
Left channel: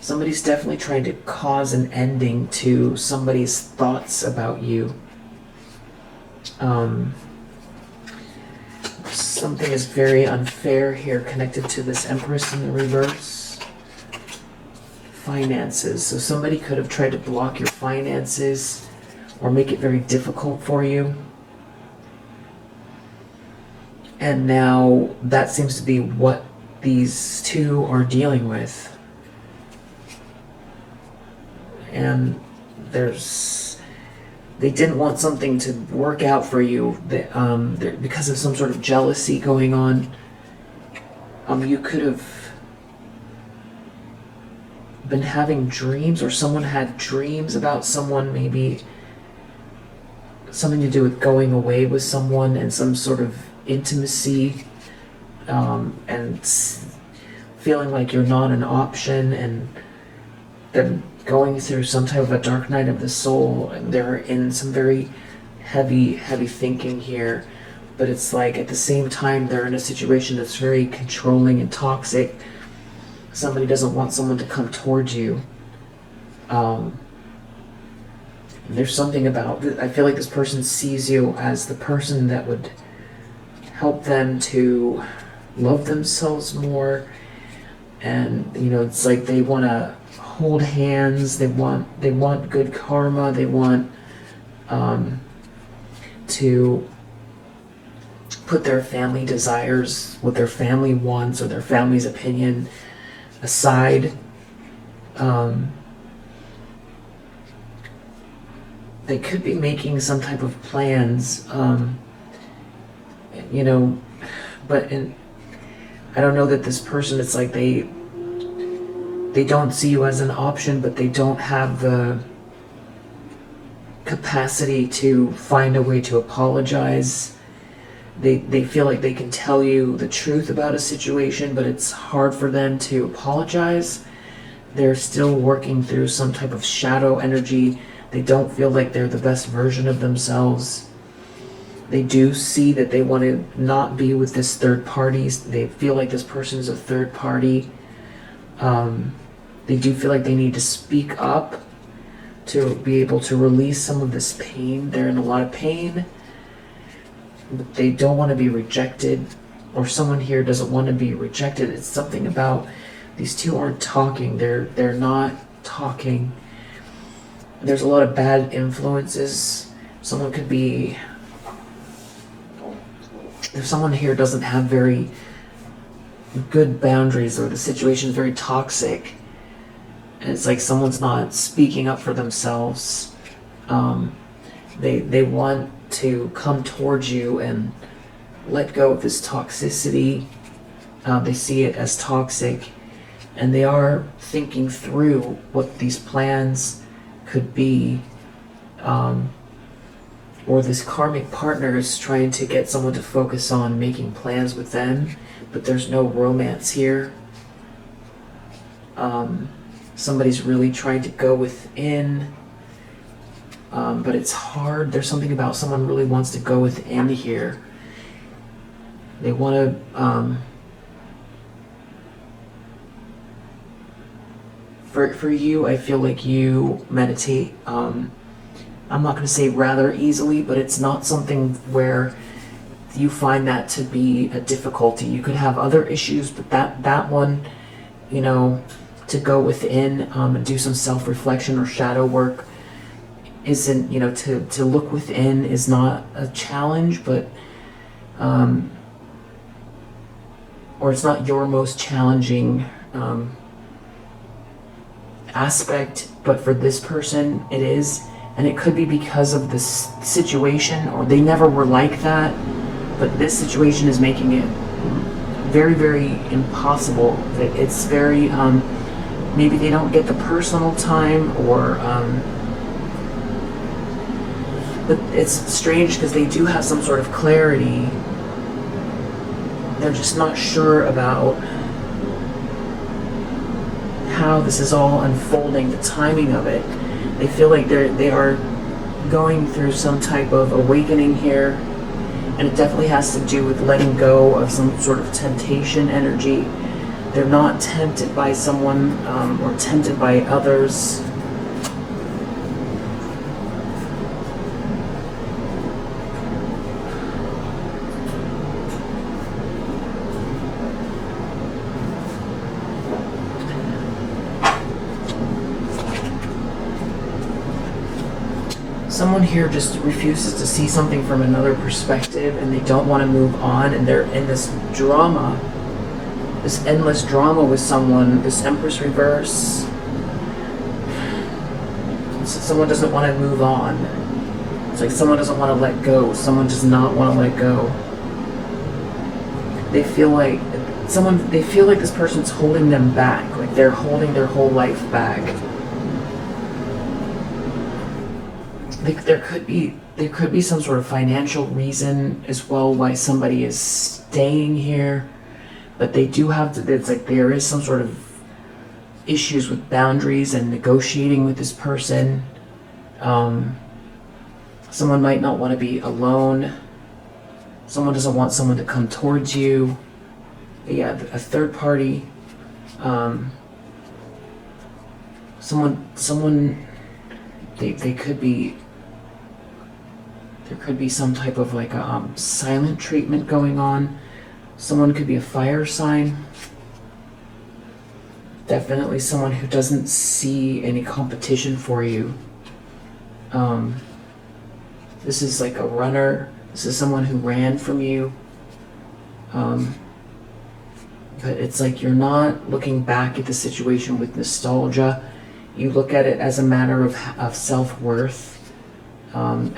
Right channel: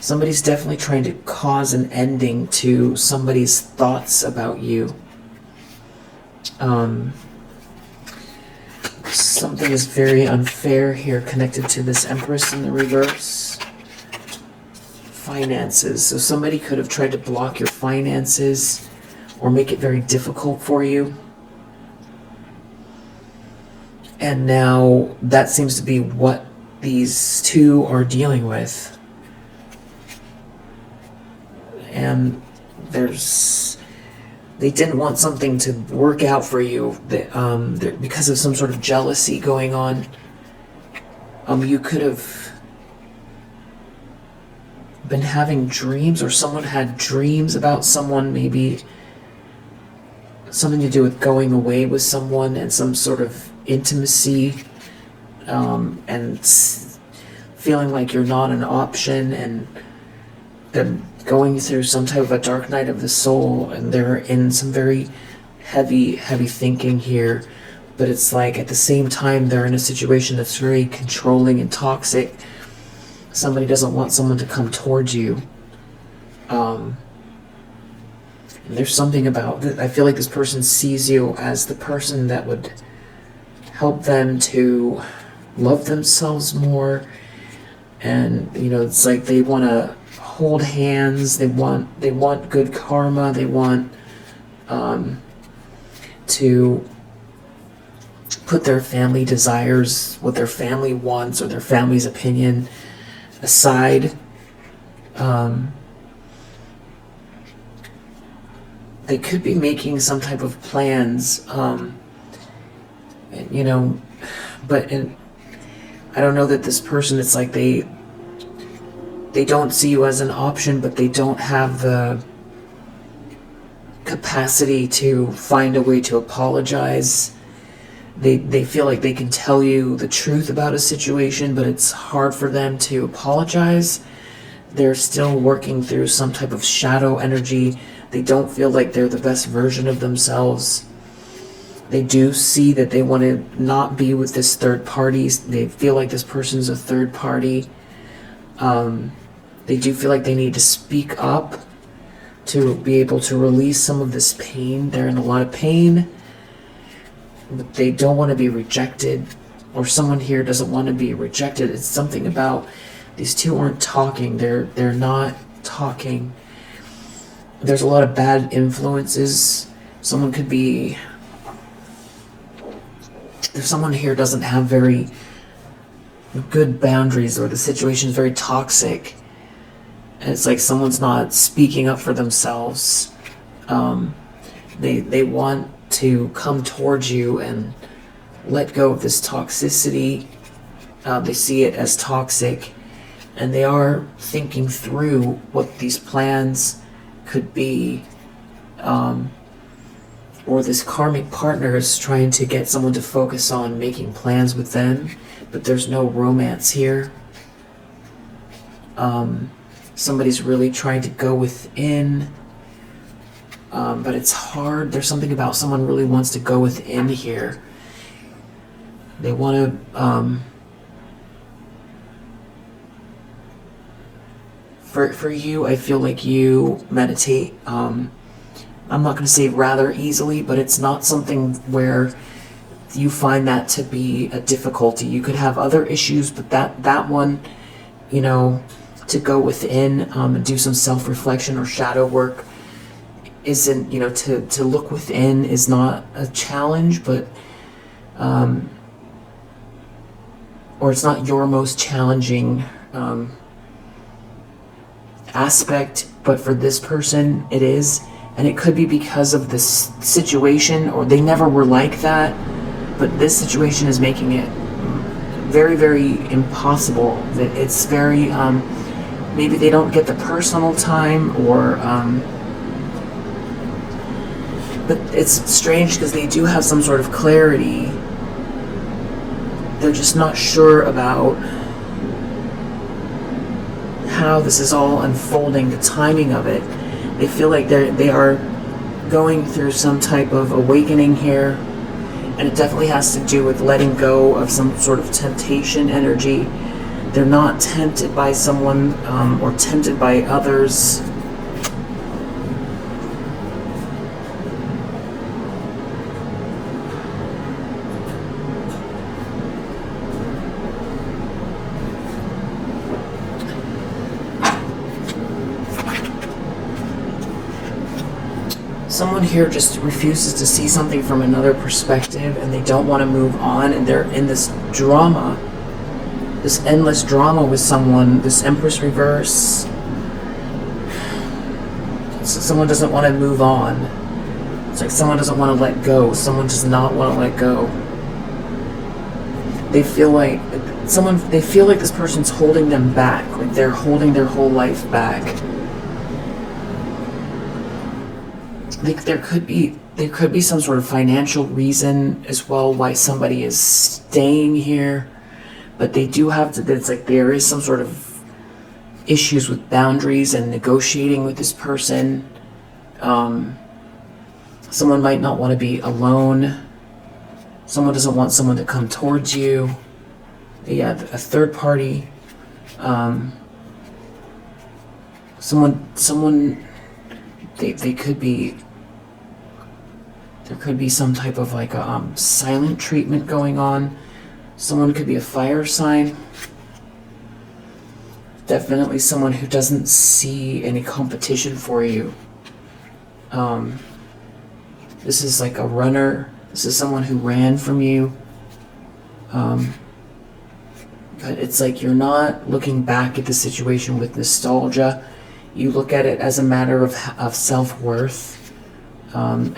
Somebody's definitely trying to cause an ending to somebody's thoughts about you. Something is very unfair here connected to this Empress in the reverse. Finances. So somebody could have tried to block your finances or make it very difficult for you. And now that seems to be what these two are dealing with. And they didn't want something to work out for you because of some sort of jealousy going on. You could have been having dreams, or someone had dreams about someone, maybe something to do with going away with someone and some sort of intimacy, and feeling like you're not an option, and them going through some type of a dark night of the soul, and they're in some very heavy thinking here. But it's like at the same time they're in a situation that's very controlling and toxic. Somebody doesn't want someone to come towards you. There's something about that. I feel like this person sees you as the person that would help them to love themselves more. And, you know, it's like they want to hold hands. They want good karma. They want to put their family desires, what their family wants, or their family's opinion aside. They could be making some type of plans, you know, but I don't know that this person, it's like they don't see you as an option, but they don't have the capacity to find a way to apologize. They feel like they can tell you the truth about a situation, but it's hard for them to apologize. They're still working through some type of shadow energy. They don't feel like they're the best version of themselves. They do see that they want to not be with this third party. They feel like this person's a third party. They do feel like they need to speak up to be able to release some of this pain. They're in a lot of pain, but they don't want to be rejected, or someone here doesn't want to be rejected. It's something about these two aren't talking. They're not talking. There's a lot of bad influences. Someone could be, if someone here doesn't have very good boundaries, or the situation is very toxic, and it's like someone's not speaking up for themselves, they want to come towards you and let go of this toxicity. They see it as toxic, and they are thinking through what these plans could be, or this karmic partner is trying to get someone to focus on making plans with them, but there's no romance here. Somebody's really trying to go within, but it's hard. There's something about someone really wants to go within here. They want to, for you, I feel like you meditate, I'm not going to say rather easily, but it's not something where you find that to be a difficulty. You could have other issues, but that one, you know, to go within and do some self-reflection or shadow work isn't, you know, to look within is not a challenge, but or it's not your most challenging aspect, but for this person it is. And it could be because of this situation, or they never were like that, but this situation is making it very, very impossible. It's very, maybe they don't get the personal time, or, but it's strange because they do have some sort of clarity. They're just not sure about how this is all unfolding, the timing of it. They feel like they are going through some type of awakening here, and it definitely has to do with letting go of some sort of temptation energy. They're not tempted by someone or tempted by others. Someone here just refuses to see something from another perspective, and they don't want to move on, and they're in this drama, this endless drama with someone, this Empress reverse. So someone doesn't want to move on. It's like someone doesn't want to let go. Someone does not want to let go. They feel like this person's holding them back, like they're holding their whole life back. Like there could be some sort of financial reason as well why somebody is staying here, but they do have to. It's like there is some sort of issues with boundaries and negotiating with this person. Someone might not want to be alone. Someone doesn't want someone to come towards you. Yeah, a third party. Someone. They could be. There could be some type of like a silent treatment going on. Someone could be a fire sign. Definitely someone who doesn't see any competition for you. This is like a runner. This is someone who ran from you. But it's like you're not looking back at the situation with nostalgia. You look at it as a matter of self-worth.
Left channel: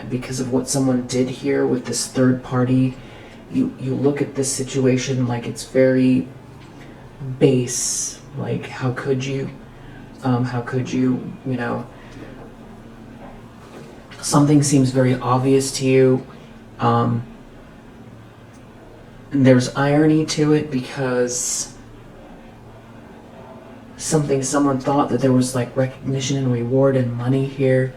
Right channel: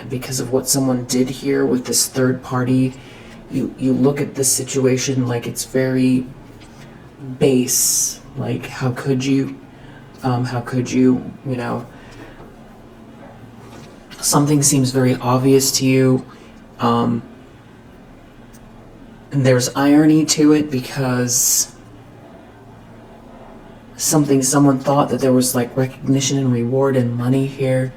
Because of what someone did here with this third party, you look at this situation like it's very base. Like, how could you, you know, something seems very obvious to you. And there's irony to it because someone thought that there was like recognition and reward and money here.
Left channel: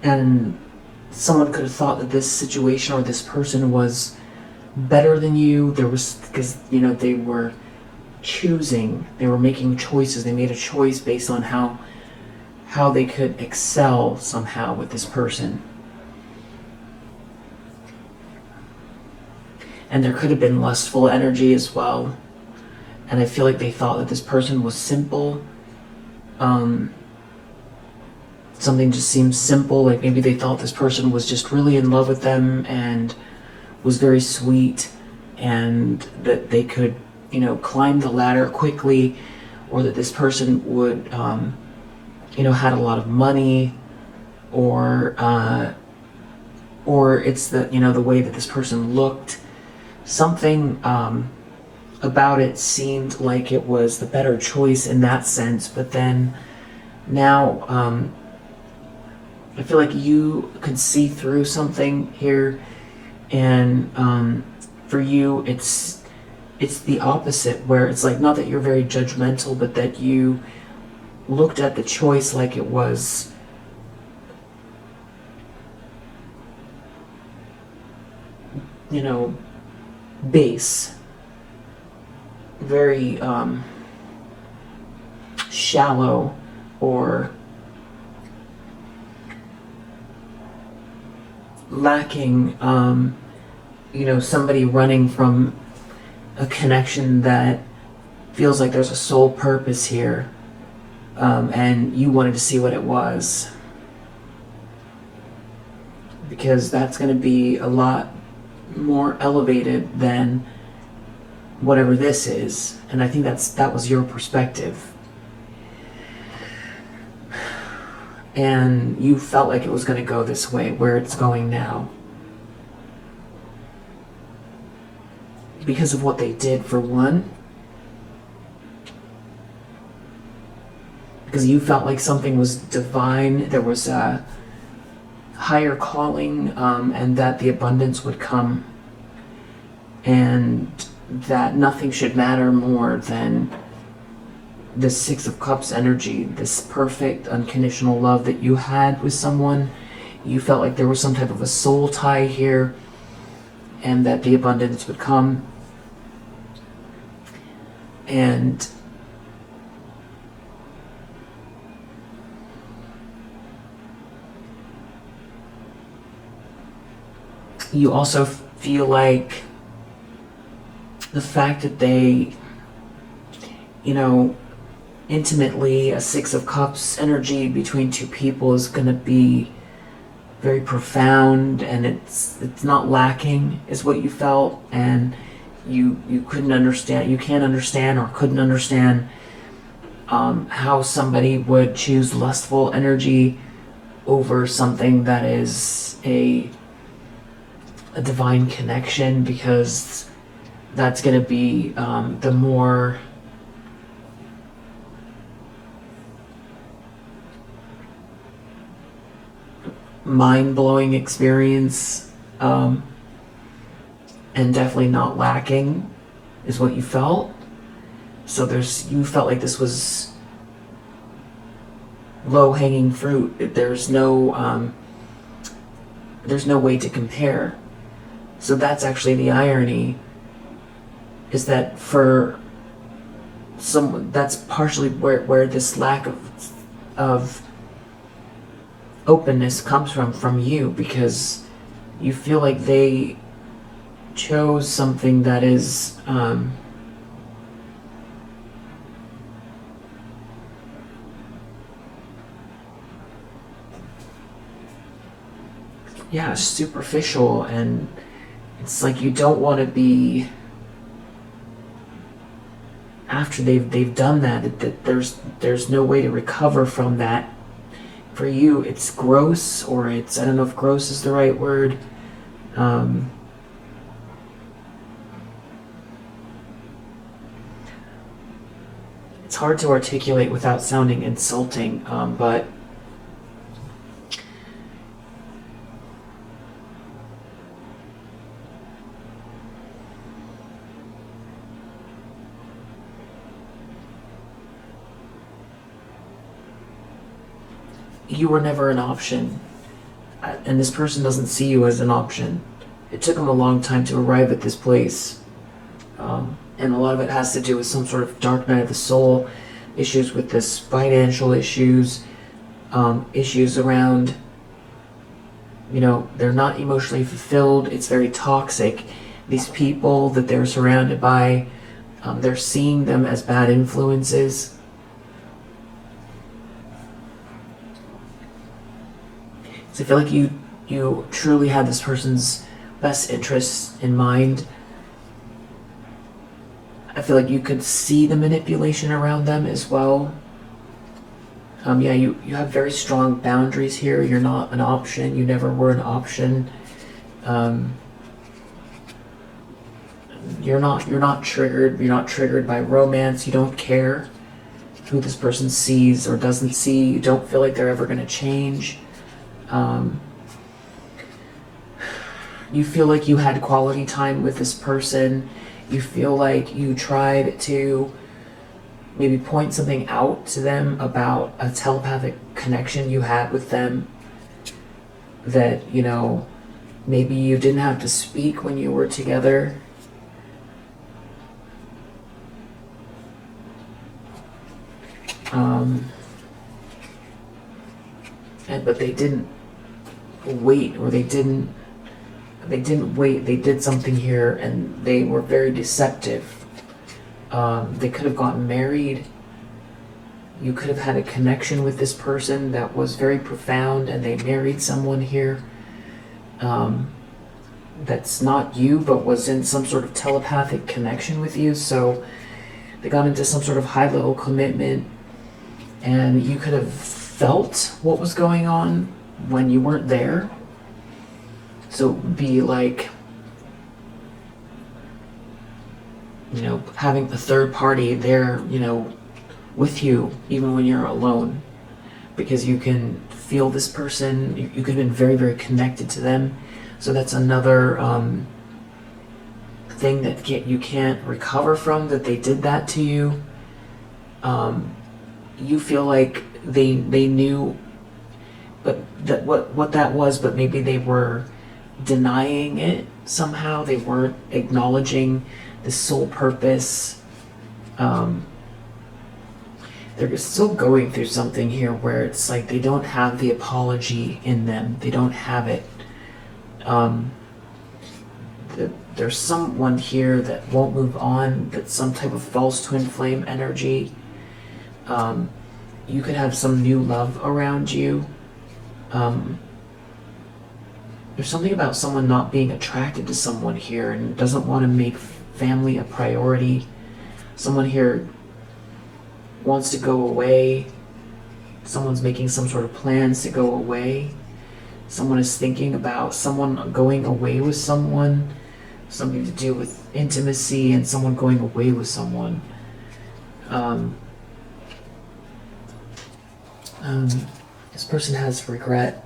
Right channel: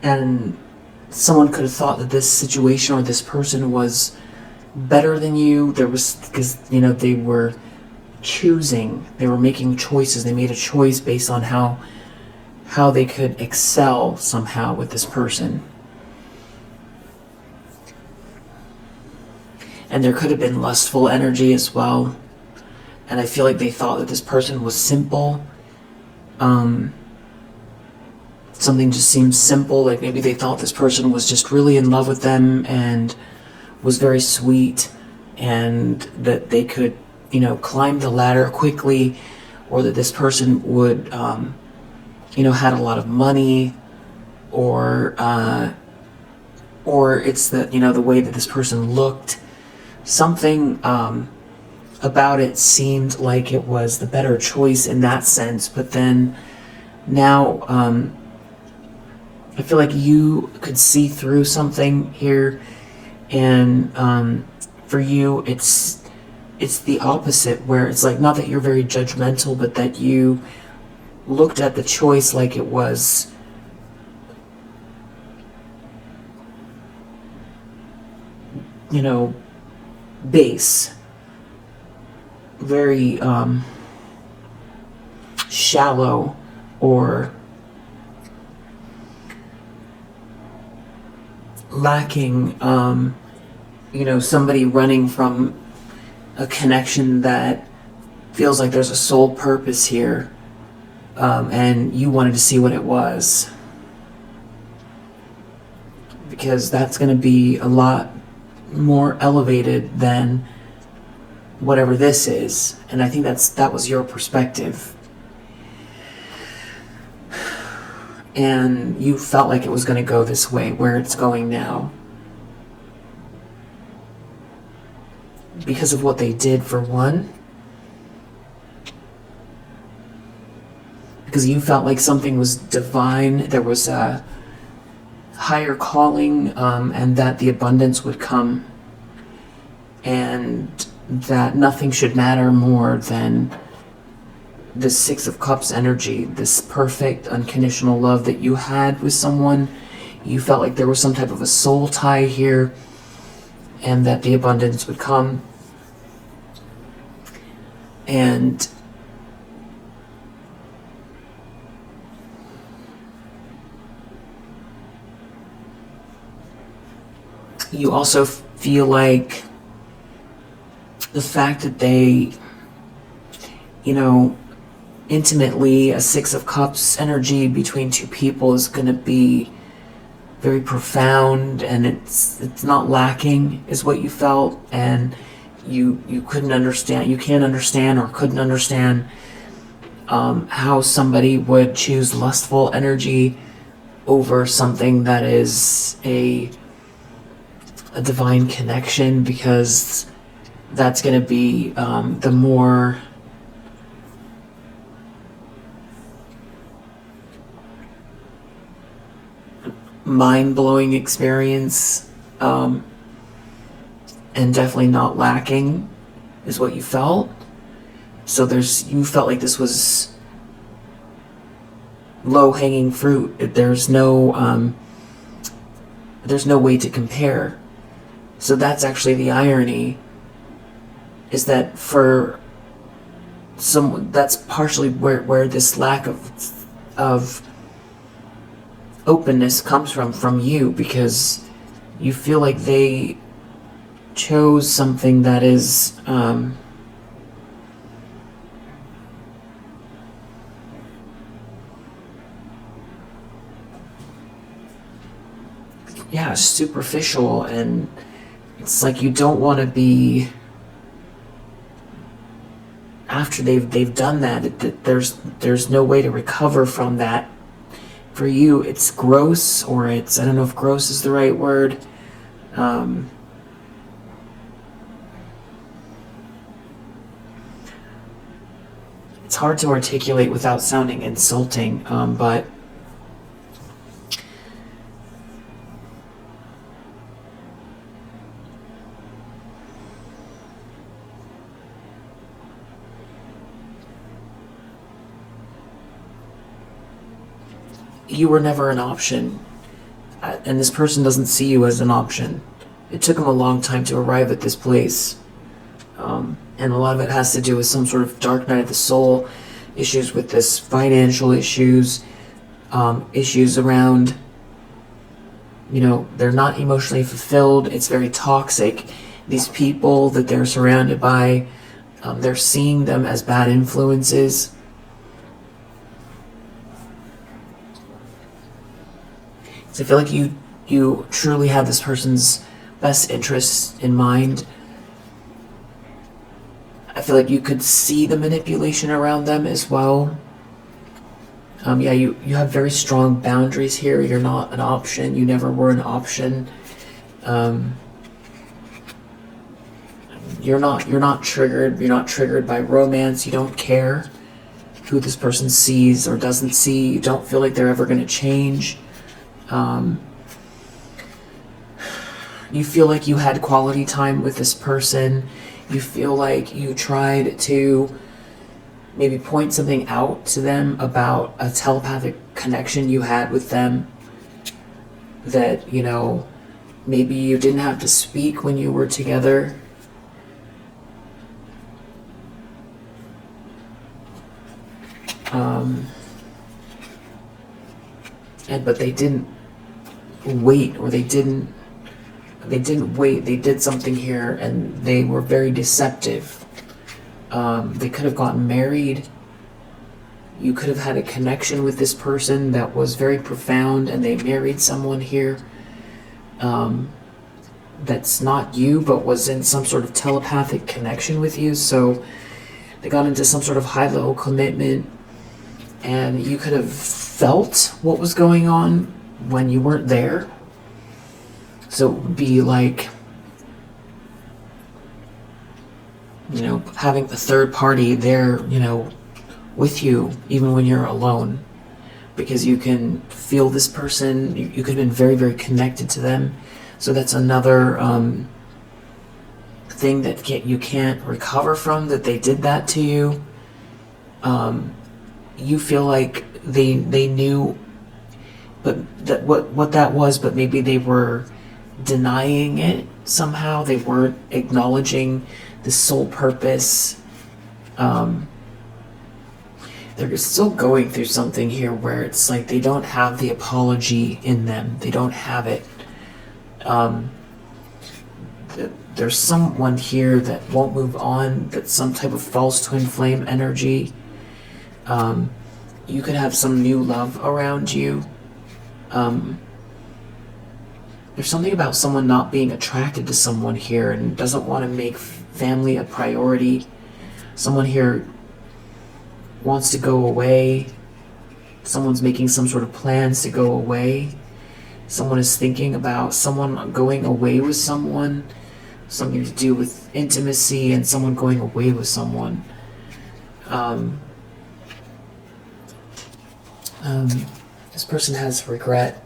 And someone could have thought that this situation or this person was better than you. Because, you know, they were making choices. They made a choice based on how they could excel somehow with this person. And there could have been lustful energy as well. And I feel like they thought that this person was simple. Something just seems simple, like maybe they thought this person was just really in love with them and was very sweet, and that they could, you know, climb the ladder quickly, or that this person would, you know, had a lot of money, or it's the, you know, the way that this person looked. Something about it seemed like it was the better choice in that sense, but then now, I feel like you could see through something here, and for you, it's the opposite, where it's like not that you're very judgmental, but that you looked at the choice like it was, you know, base, very shallow, or lacking, you know, somebody running from a connection that feels like there's a sole purpose here, and you wanted to see what it was, because that's going to be a lot more elevated than whatever this is. And I think that was your perspective, and you felt like it was going to go this way, where it's going now, because of what they did, for one, because you felt like something was divine, there was a higher calling, and that the abundance would come, and that nothing should matter more than this Six of Cups energy, this perfect, unconditional love that you had with someone. You felt like there was some type of a soul tie here, and that the abundance would come. And you also feel like the fact that they, you know, intimately, a Six of Cups energy between two people is going to be very profound, and it's not lacking, is what you felt. And you couldn't understand, you can't understand, or couldn't understand how somebody would choose lustful energy over something that is a divine connection, because that's going to be the more mind-blowing experience, and definitely not lacking is what you felt. So you felt like this was low-hanging fruit. There's no way to compare. So that's actually the irony, is that for some, that's partially where this lack of openness comes from you, because you feel like they chose something that is superficial, and it's like you don't want to be, after they've done that there's no way to recover from that. For you, it's gross, or it's, I don't know if gross is the right word. It's hard to articulate without sounding insulting, but you were never an option, and this person doesn't see you as an option. It took them a long time to arrive at this place, and a lot of it has to do with some sort of dark night of the soul, issues with this, financial issues, issues around, they're not emotionally fulfilled. It's very toxic. These people that they're surrounded by, they're seeing them as bad influences. So I feel like you truly have this person's best interests in mind. I feel like you could see the manipulation around them as well. You have very strong boundaries here. You're not an option. You never were an option. You're not triggered. You're not triggered by romance. You don't care who this person sees or doesn't see. You don't feel like they're ever going to change. You feel like you had quality time with this person. You feel like you tried to maybe point something out to them about a telepathic connection you had with them, that, maybe you didn't have to speak when you were together. But they didn't wait, or they didn't wait. They did something here, and they were very deceptive. They could have gotten married. You could have had a connection with this person that was very profound, and they married someone here that's not you, but was in some sort of telepathic connection with you. So they got into some sort of high-level commitment, and you could have felt what was going on when you weren't there. So be like, having a third party there, with you, even when you're alone, because you can feel this person. You could have been very, very connected to them. So that's another thing that you can't recover from, that they did that to you. You feel like they knew, but that what that was, but maybe they were denying it somehow. They weren't acknowledging the soul purpose. They're still going through something here where it's like they don't have the apology in them. They don't have it. There's someone here that won't move on. That's some type of false twin flame energy. You could have some new love around you. There's something about someone not being attracted to someone here and doesn't want to make family a priority. Someone here wants to go away. Someone's making some sort of plans to go away. Someone is thinking about someone going away with someone. Something to do with intimacy and someone going away with someone. This person has regret.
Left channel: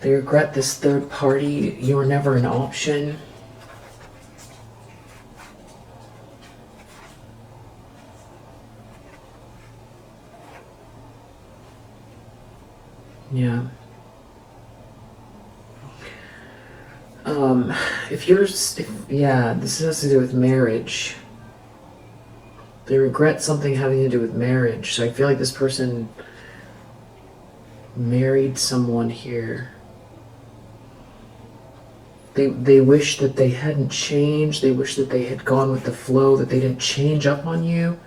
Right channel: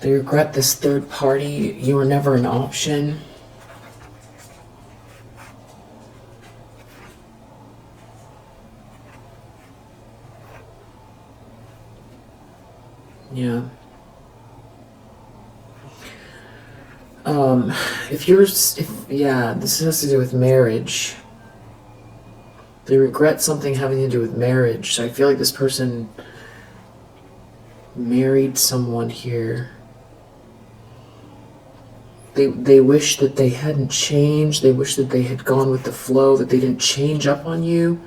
They regret this third party. You were never an option. Yeah. Yeah, this has to do with marriage. They regret something having to do with marriage. So I feel like this person married someone here. They wish that they hadn't changed. They wish that they had gone with the flow, that they didn't change up on you.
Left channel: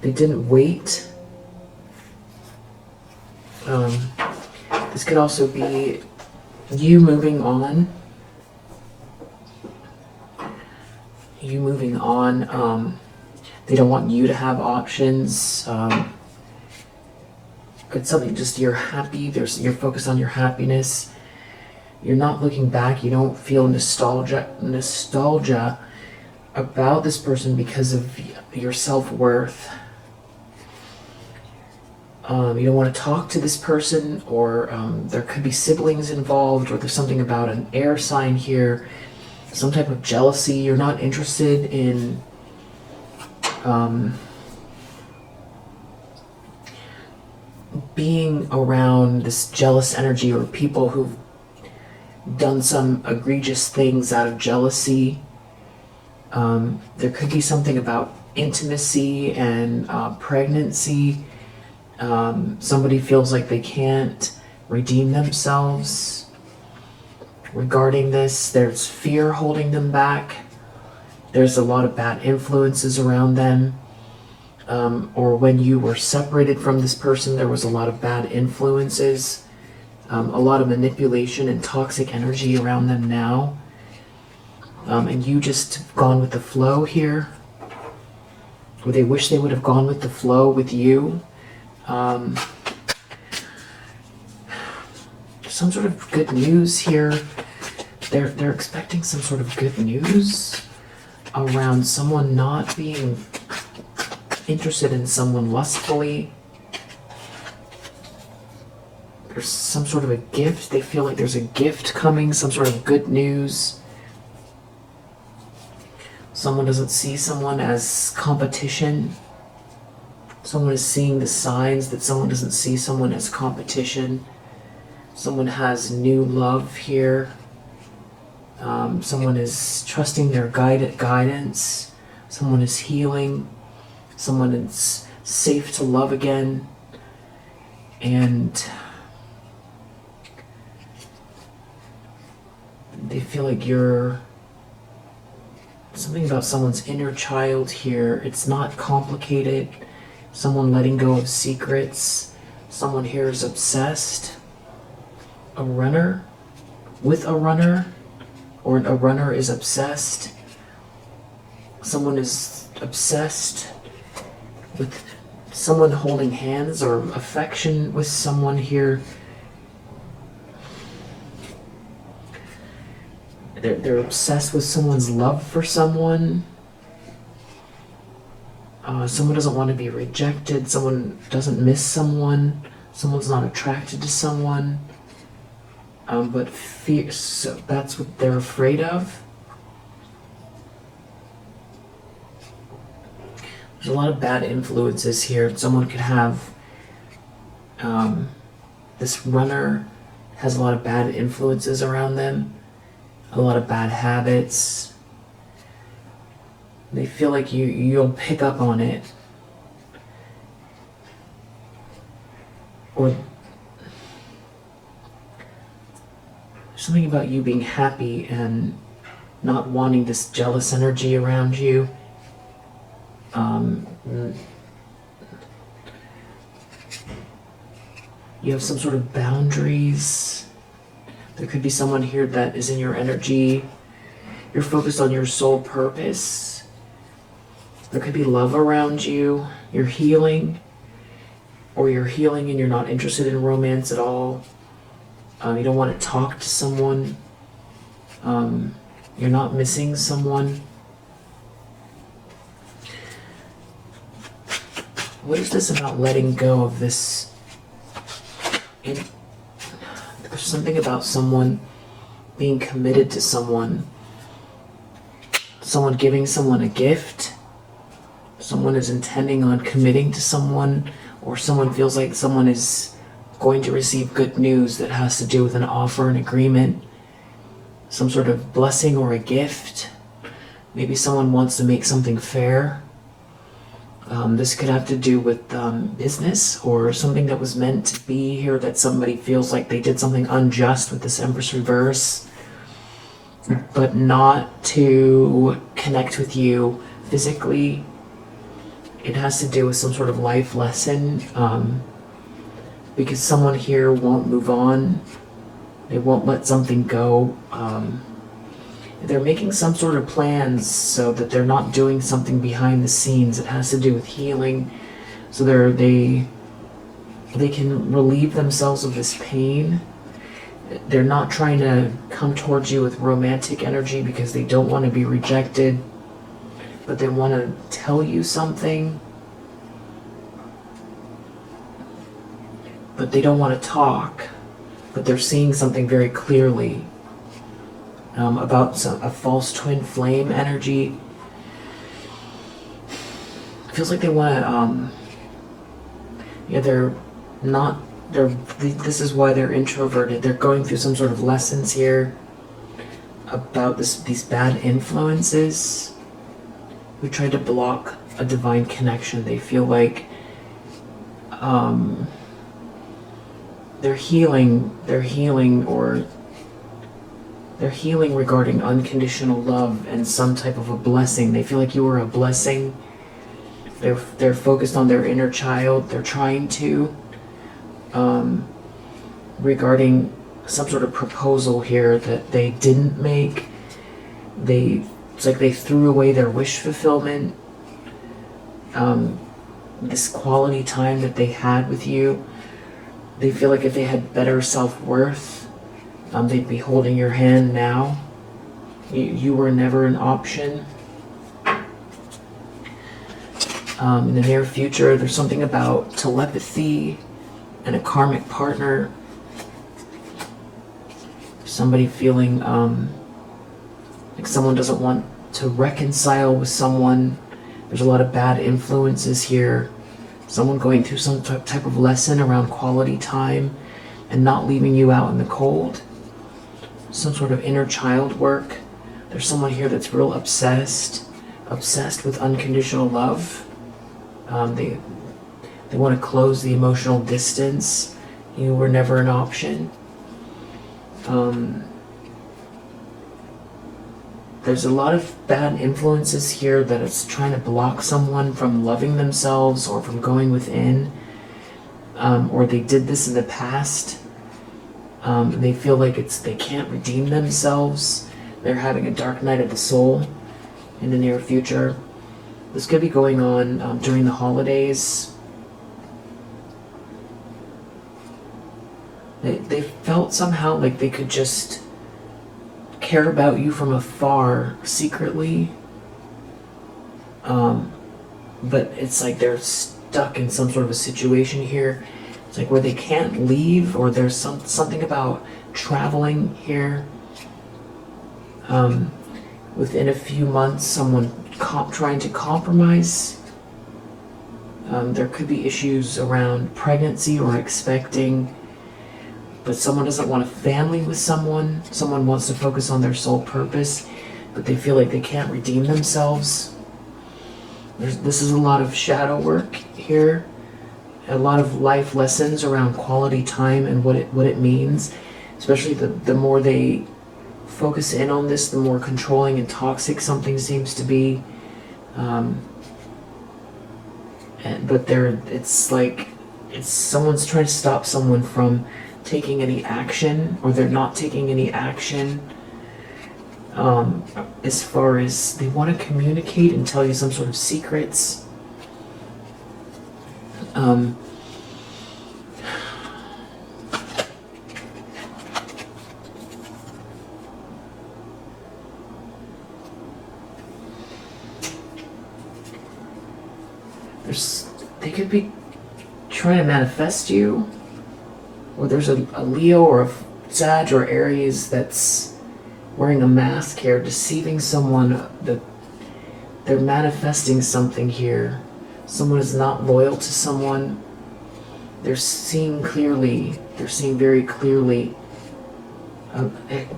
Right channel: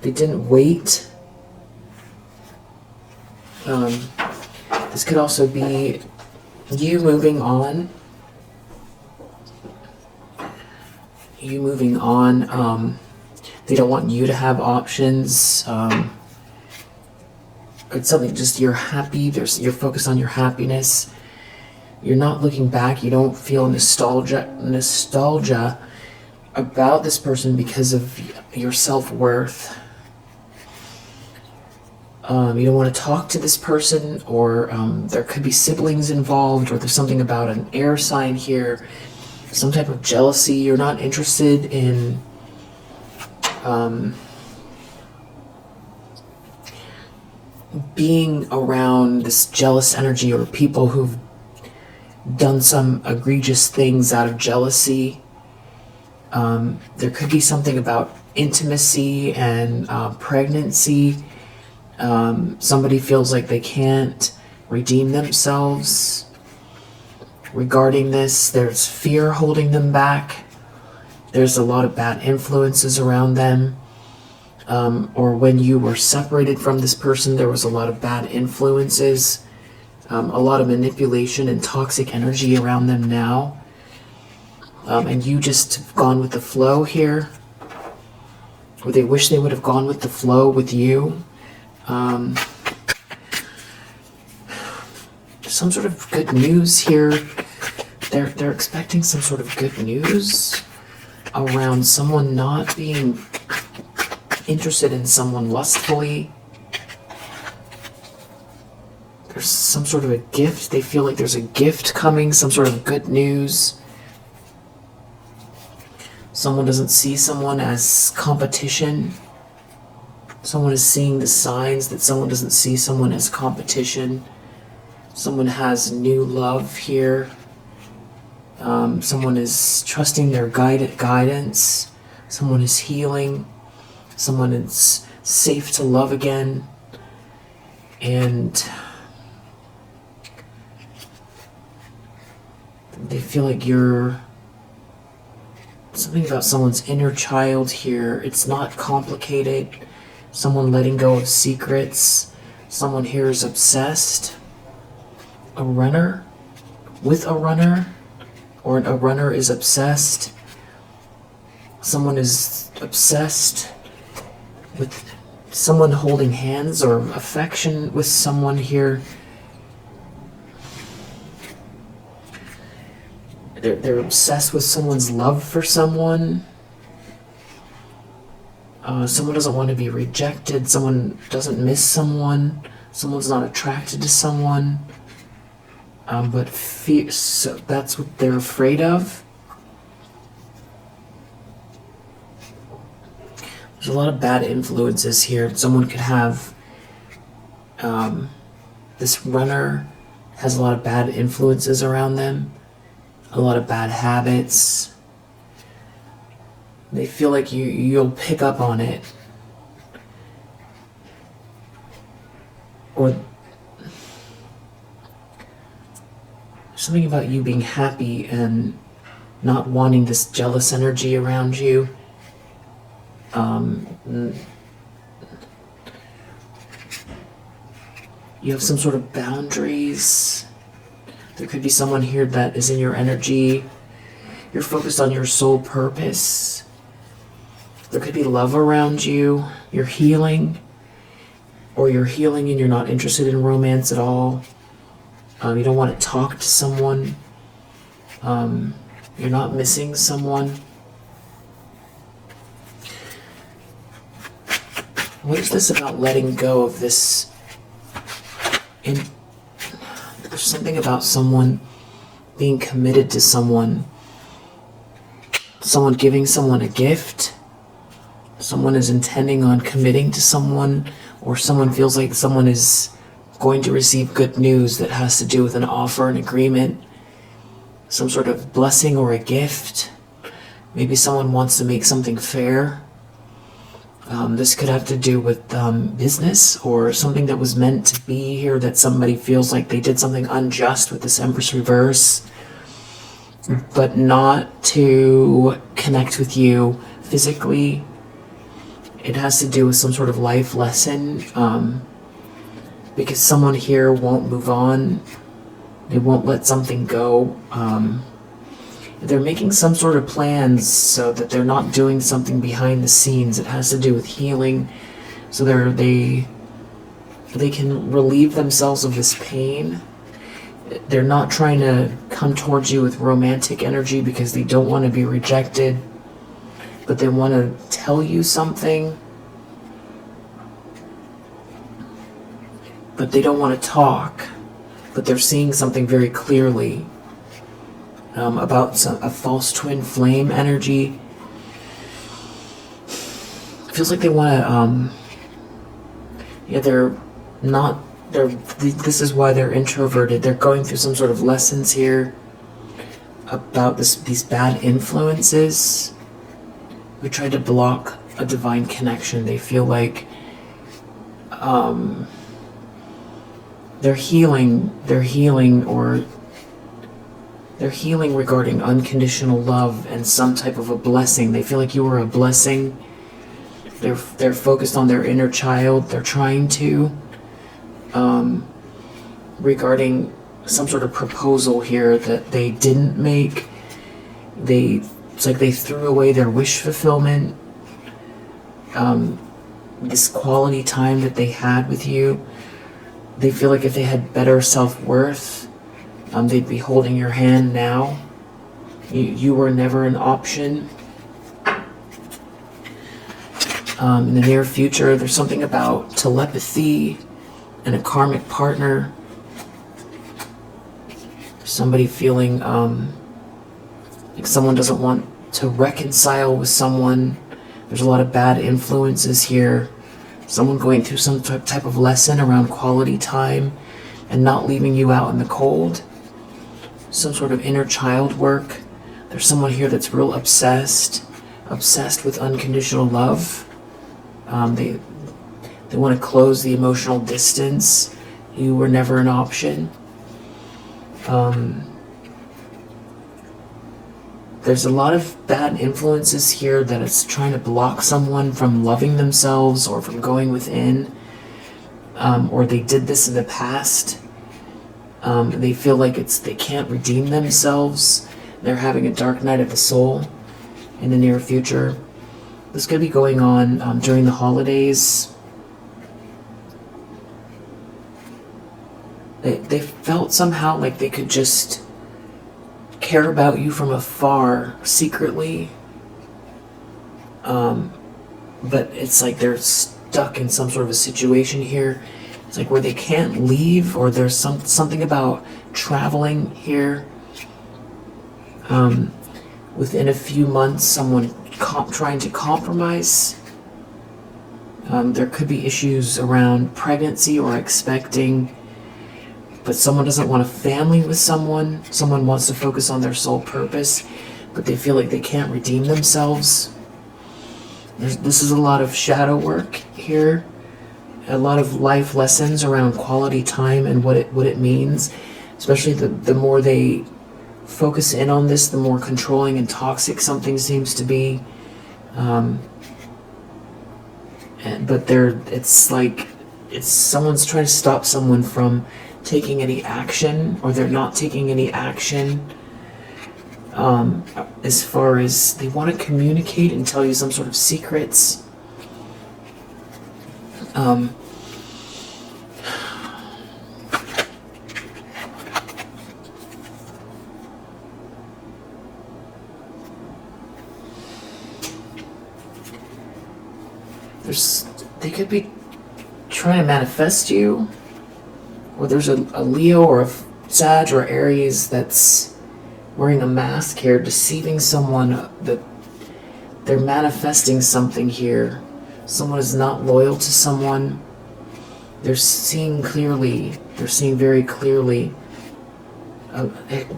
They didn't wait. This could also be you moving on. You moving on. They don't want you to have options. It's something just you're happy. You're focused on your happiness. You're not looking back. You don't feel nostalgia about this person because of your self-worth. You don't want to talk to this person, or there could be siblings involved, or there's something about an air sign here, some type of jealousy. You're not interested in being around this jealous energy, or people who've done some egregious things out of jealousy. There could be something about intimacy and pregnancy. Somebody feels like they can't redeem themselves regarding this. There's fear holding them back. There's a lot of bad influences around them. Or when you were separated from this person, there was a lot of bad influences, a lot of manipulation and toxic energy around them now. And you just have gone with the flow here. Or they wish they would have gone with the flow with you. Some sort of good news here. They're expecting some sort of good news around someone not being interested in someone lustfully. There's some sort of a gift. They feel like there's a gift coming, some sort of good news. Someone doesn't see someone as competition. Someone is seeing the signs that someone doesn't see someone as competition. Someone has new love here. Someone is trusting their guidance. Someone is healing. Someone is safe to love again. And they feel like you're something about someone's inner child here. It's not complicated. Someone letting go of secrets. Someone here is obsessed. A runner with a runner, or a runner is obsessed. Someone is obsessed with someone holding hands, or affection with someone here. They're obsessed with someone's love for someone. Someone doesn't want to be rejected. Someone doesn't miss someone. Someone's not attracted to someone. But so that's what they're afraid of. There's a lot of bad influences here. Someone could have, this runner has a lot of bad influences around them, a lot of bad habits. They feel like you'll pick up on it. Or something about you being happy and not wanting this jealous energy around you. You have some sort of boundaries. There could be someone here that is in your energy. You're focused on your soul purpose. There could be love around you. You're healing. Or you're healing and you're not interested in romance at all. You don't want to talk to someone. You're not missing someone. What is this about letting go of this There's something about someone being committed to someone giving someone a gift, someone is intending on committing to someone, or someone feels like someone is going to receive good news that has to do with an offer, an agreement, some sort of blessing or a gift. Maybe someone wants to make something fair. This could have to do with business or something that was meant to be here, that somebody feels like they did something unjust with this Empress reverse, but not to connect with you physically. It has to do with some sort of life lesson, because someone here won't move on. They won't let something go. They're making some sort of plans so that they're not doing something behind the scenes. It has to do with healing, so they can relieve themselves of this pain. They're not trying to come towards you with romantic energy because they don't want to be rejected, but they want to tell you something, but they don't want to talk, but they're seeing something very clearly. About a false twin flame energy. It feels like they want to, this is why they're introverted. They're going through some sort of lessons here about these bad influences who tried to block a divine connection. They feel like they're healing regarding unconditional love and some type of a blessing. They feel like you were a blessing. They're focused on their inner child. They're trying to regarding some sort of proposal here that they didn't make. It's like they threw away their wish fulfillment. This quality time that they had with you. They feel like if they had better self-worth, they'd be holding your hand now. You were never an option. In the near future, there's something about telepathy and a karmic partner. Somebody feeling like someone doesn't want to reconcile with someone. There's a lot of bad influences here. Someone going through some type of lesson around quality time and not leaving you out in the cold. Some sort of inner child work. There's someone here that's real obsessed with unconditional love. They want to close the emotional distance. You were never an option. There's a lot of bad influences here that it's trying to block someone from loving themselves or from going within, or they did this in the past. And they feel like they can't redeem themselves. They're having a dark night of the soul in the near future. This could be going on during the holidays. They felt somehow like they could just care about you from afar secretly. But it's like they're stuck in some sort of a situation here. It's like where they can't leave, or there's something about traveling here. Within a few months, someone trying to compromise. There could be issues around pregnancy or expecting, but someone doesn't want a family with someone. Someone wants to focus on their sole purpose, but they feel like they can't redeem themselves. This is a lot of shadow work here. A lot of life lessons around quality time and what it means. Especially the more they focus in on this, the more controlling and toxic something seems to be. It's someone's trying to stop someone from taking any action, or they're not taking any action. As far as they want to communicate and tell you some sort of secrets. They could be trying to manifest you, or there's a Leo or a Sag or Aries that's wearing a mask here, deceiving someone, that they're manifesting something here. Someone is not loyal to someone. They're seeing clearly. They're seeing very clearly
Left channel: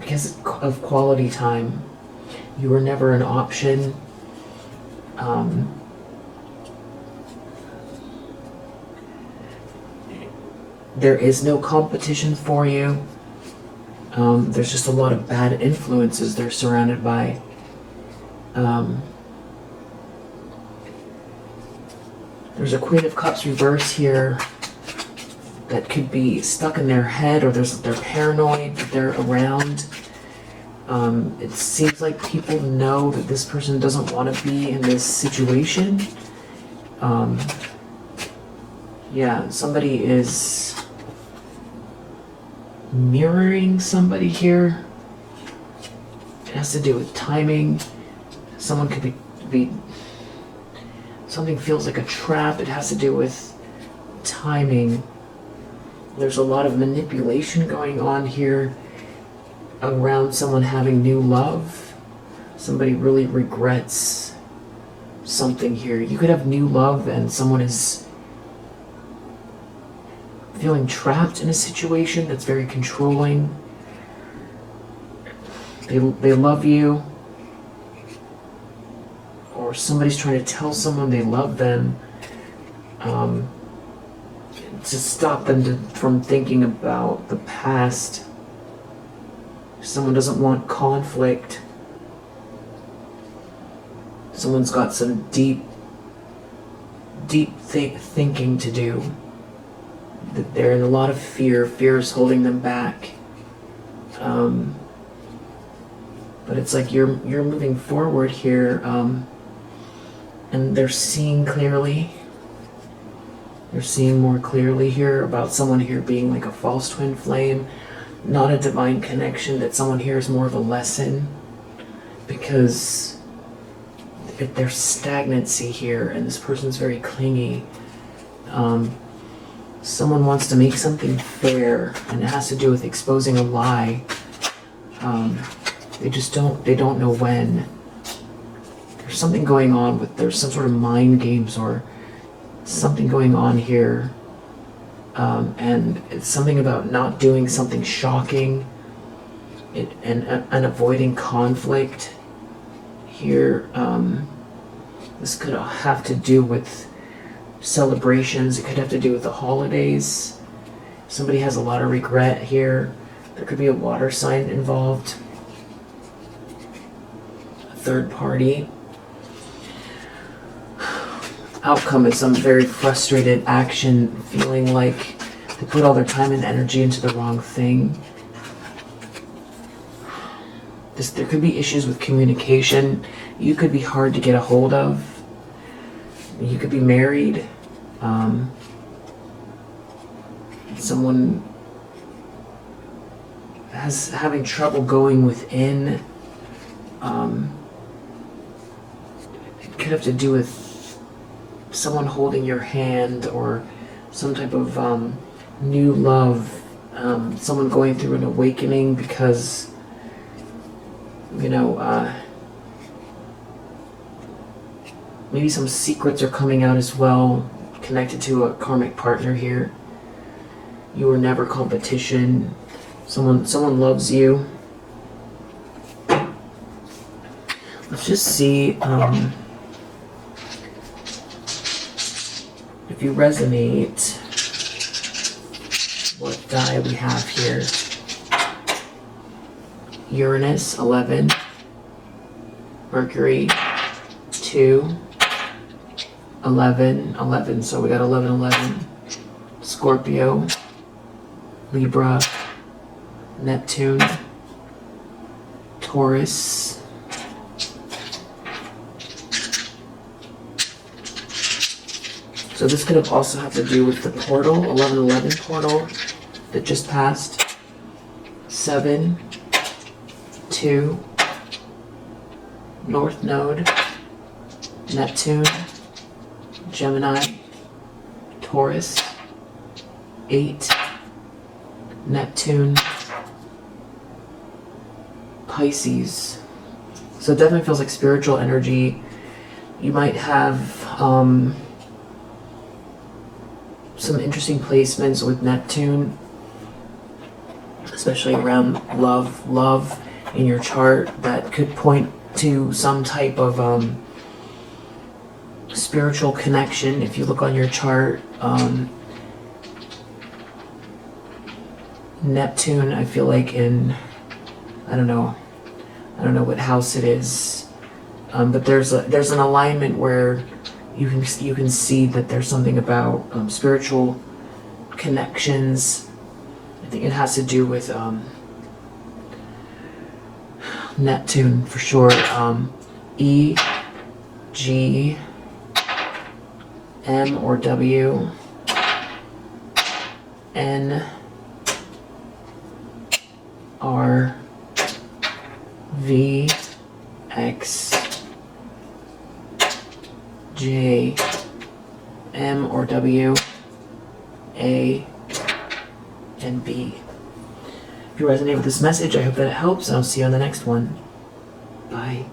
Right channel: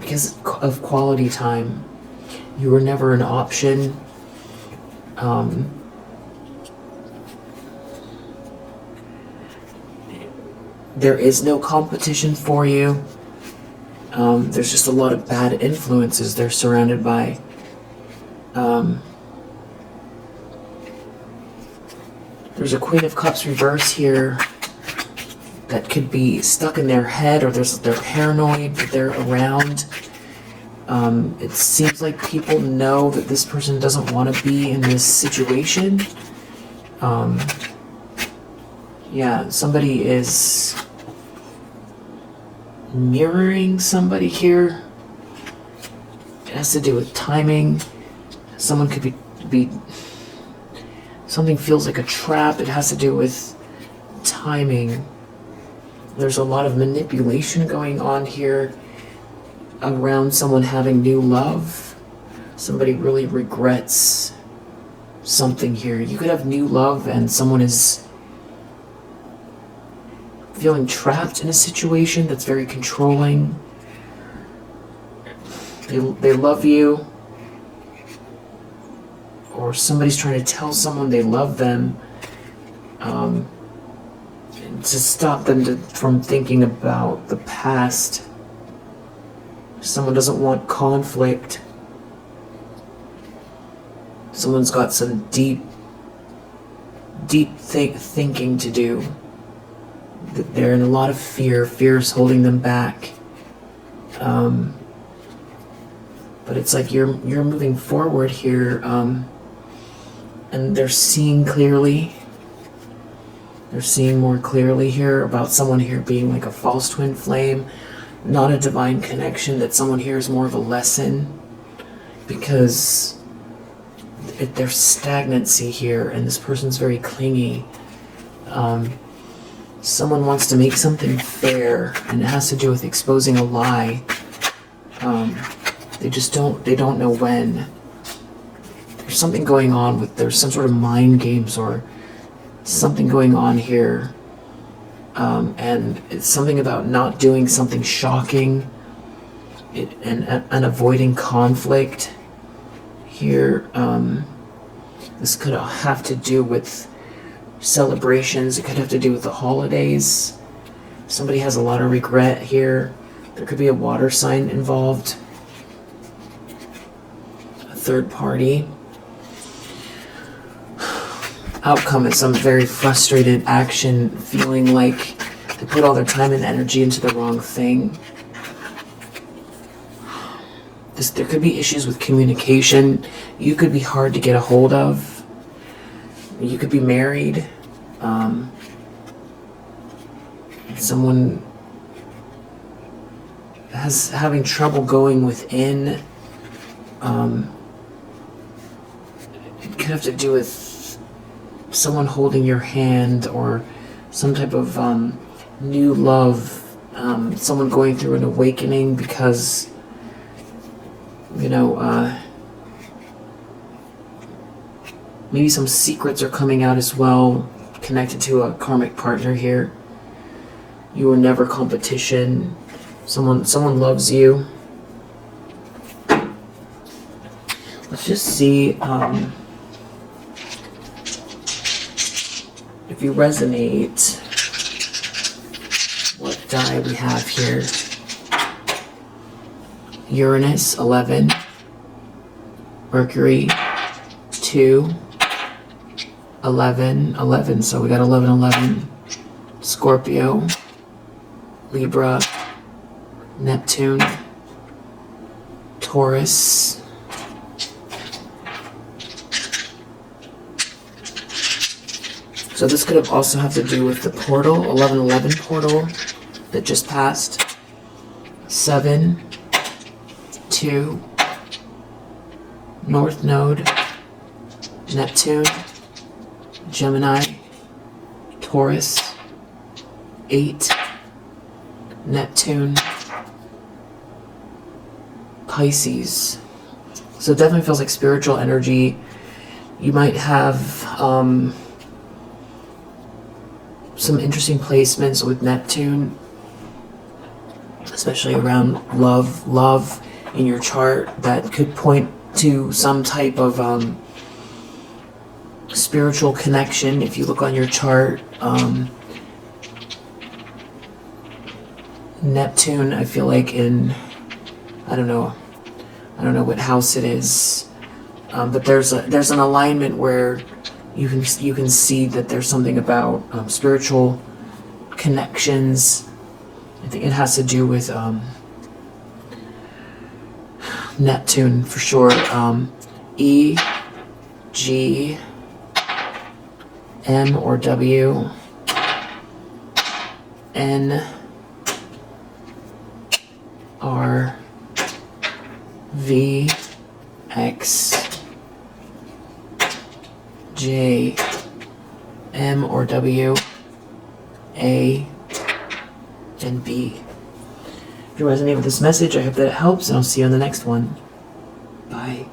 because of quality time. You were never an option. There is no competition for you. There's just a lot of bad influences they're surrounded by. There's a Queen of Cups reverse here that could be stuck in their head, or they're paranoid that they're around. It seems like people know that this person doesn't want to be in this situation. Yeah, somebody is mirroring somebody here. It has to do with timing. Someone could be something feels like a trap. It has to do with timing. There's a lot of manipulation going on here around someone having new love. Somebody really regrets something here. You could have new love and someone is feeling trapped in a situation that's very controlling. They love you, or somebody's trying to tell someone they love them to stop them from thinking about the past. Someone doesn't want conflict. Someone's got some deep thinking to do. That they're in a lot of fear. Fear is holding them back. But it's like you're moving forward here, and they're seeing clearly. They're seeing more clearly here about someone here being like a false twin flame, not a divine connection, that someone here is more of a lesson, because there's stagnancy here and this person's very clingy. Someone wants to make something fair, and it has to do with exposing a lie. They don't know when. There's something going on there's some sort of mind games or something going on here. And it's something about not doing something shocking and avoiding conflict here. This could have to do with celebrations. It could have to do with the holidays. Somebody has a lot of regret here. There could be a water sign involved. A third party. Outcome is some very frustrated action, feeling like they put all their time and energy into the wrong thing. There could be issues with communication. You could be hard to get a hold of. You could be married. Someone having trouble going within. It could have to do with someone holding your hand, or some type of new love. Someone going through an awakening because, maybe some secrets are coming out as well, connected to a karmic partner here. You were never competition. Someone loves you. Let's just see if you resonate what die we have here. Uranus, 11. Mercury, 2. 11, so we got 11. Scorpio, Libra, Neptune, Taurus, so this could also have to do with the portal, 11 portal that just passed. 7, 2, North Node, Neptune, Gemini, Taurus, 8, Neptune, Pisces. So it definitely feels like spiritual energy. You might have some interesting placements with Neptune, especially around love in your chart, that could point to some type of spiritual connection. If you look on your chart, Neptune, I feel like in, I don't know what house it is, but there's an alignment where you can see that there's something about spiritual connections. I think it has to do with Neptune for sure. E, G, M or W, N, R, V, X, J, M or W, A, and B. If you resonate with this message, I hope that it helps, and I'll see you on the next one. Bye.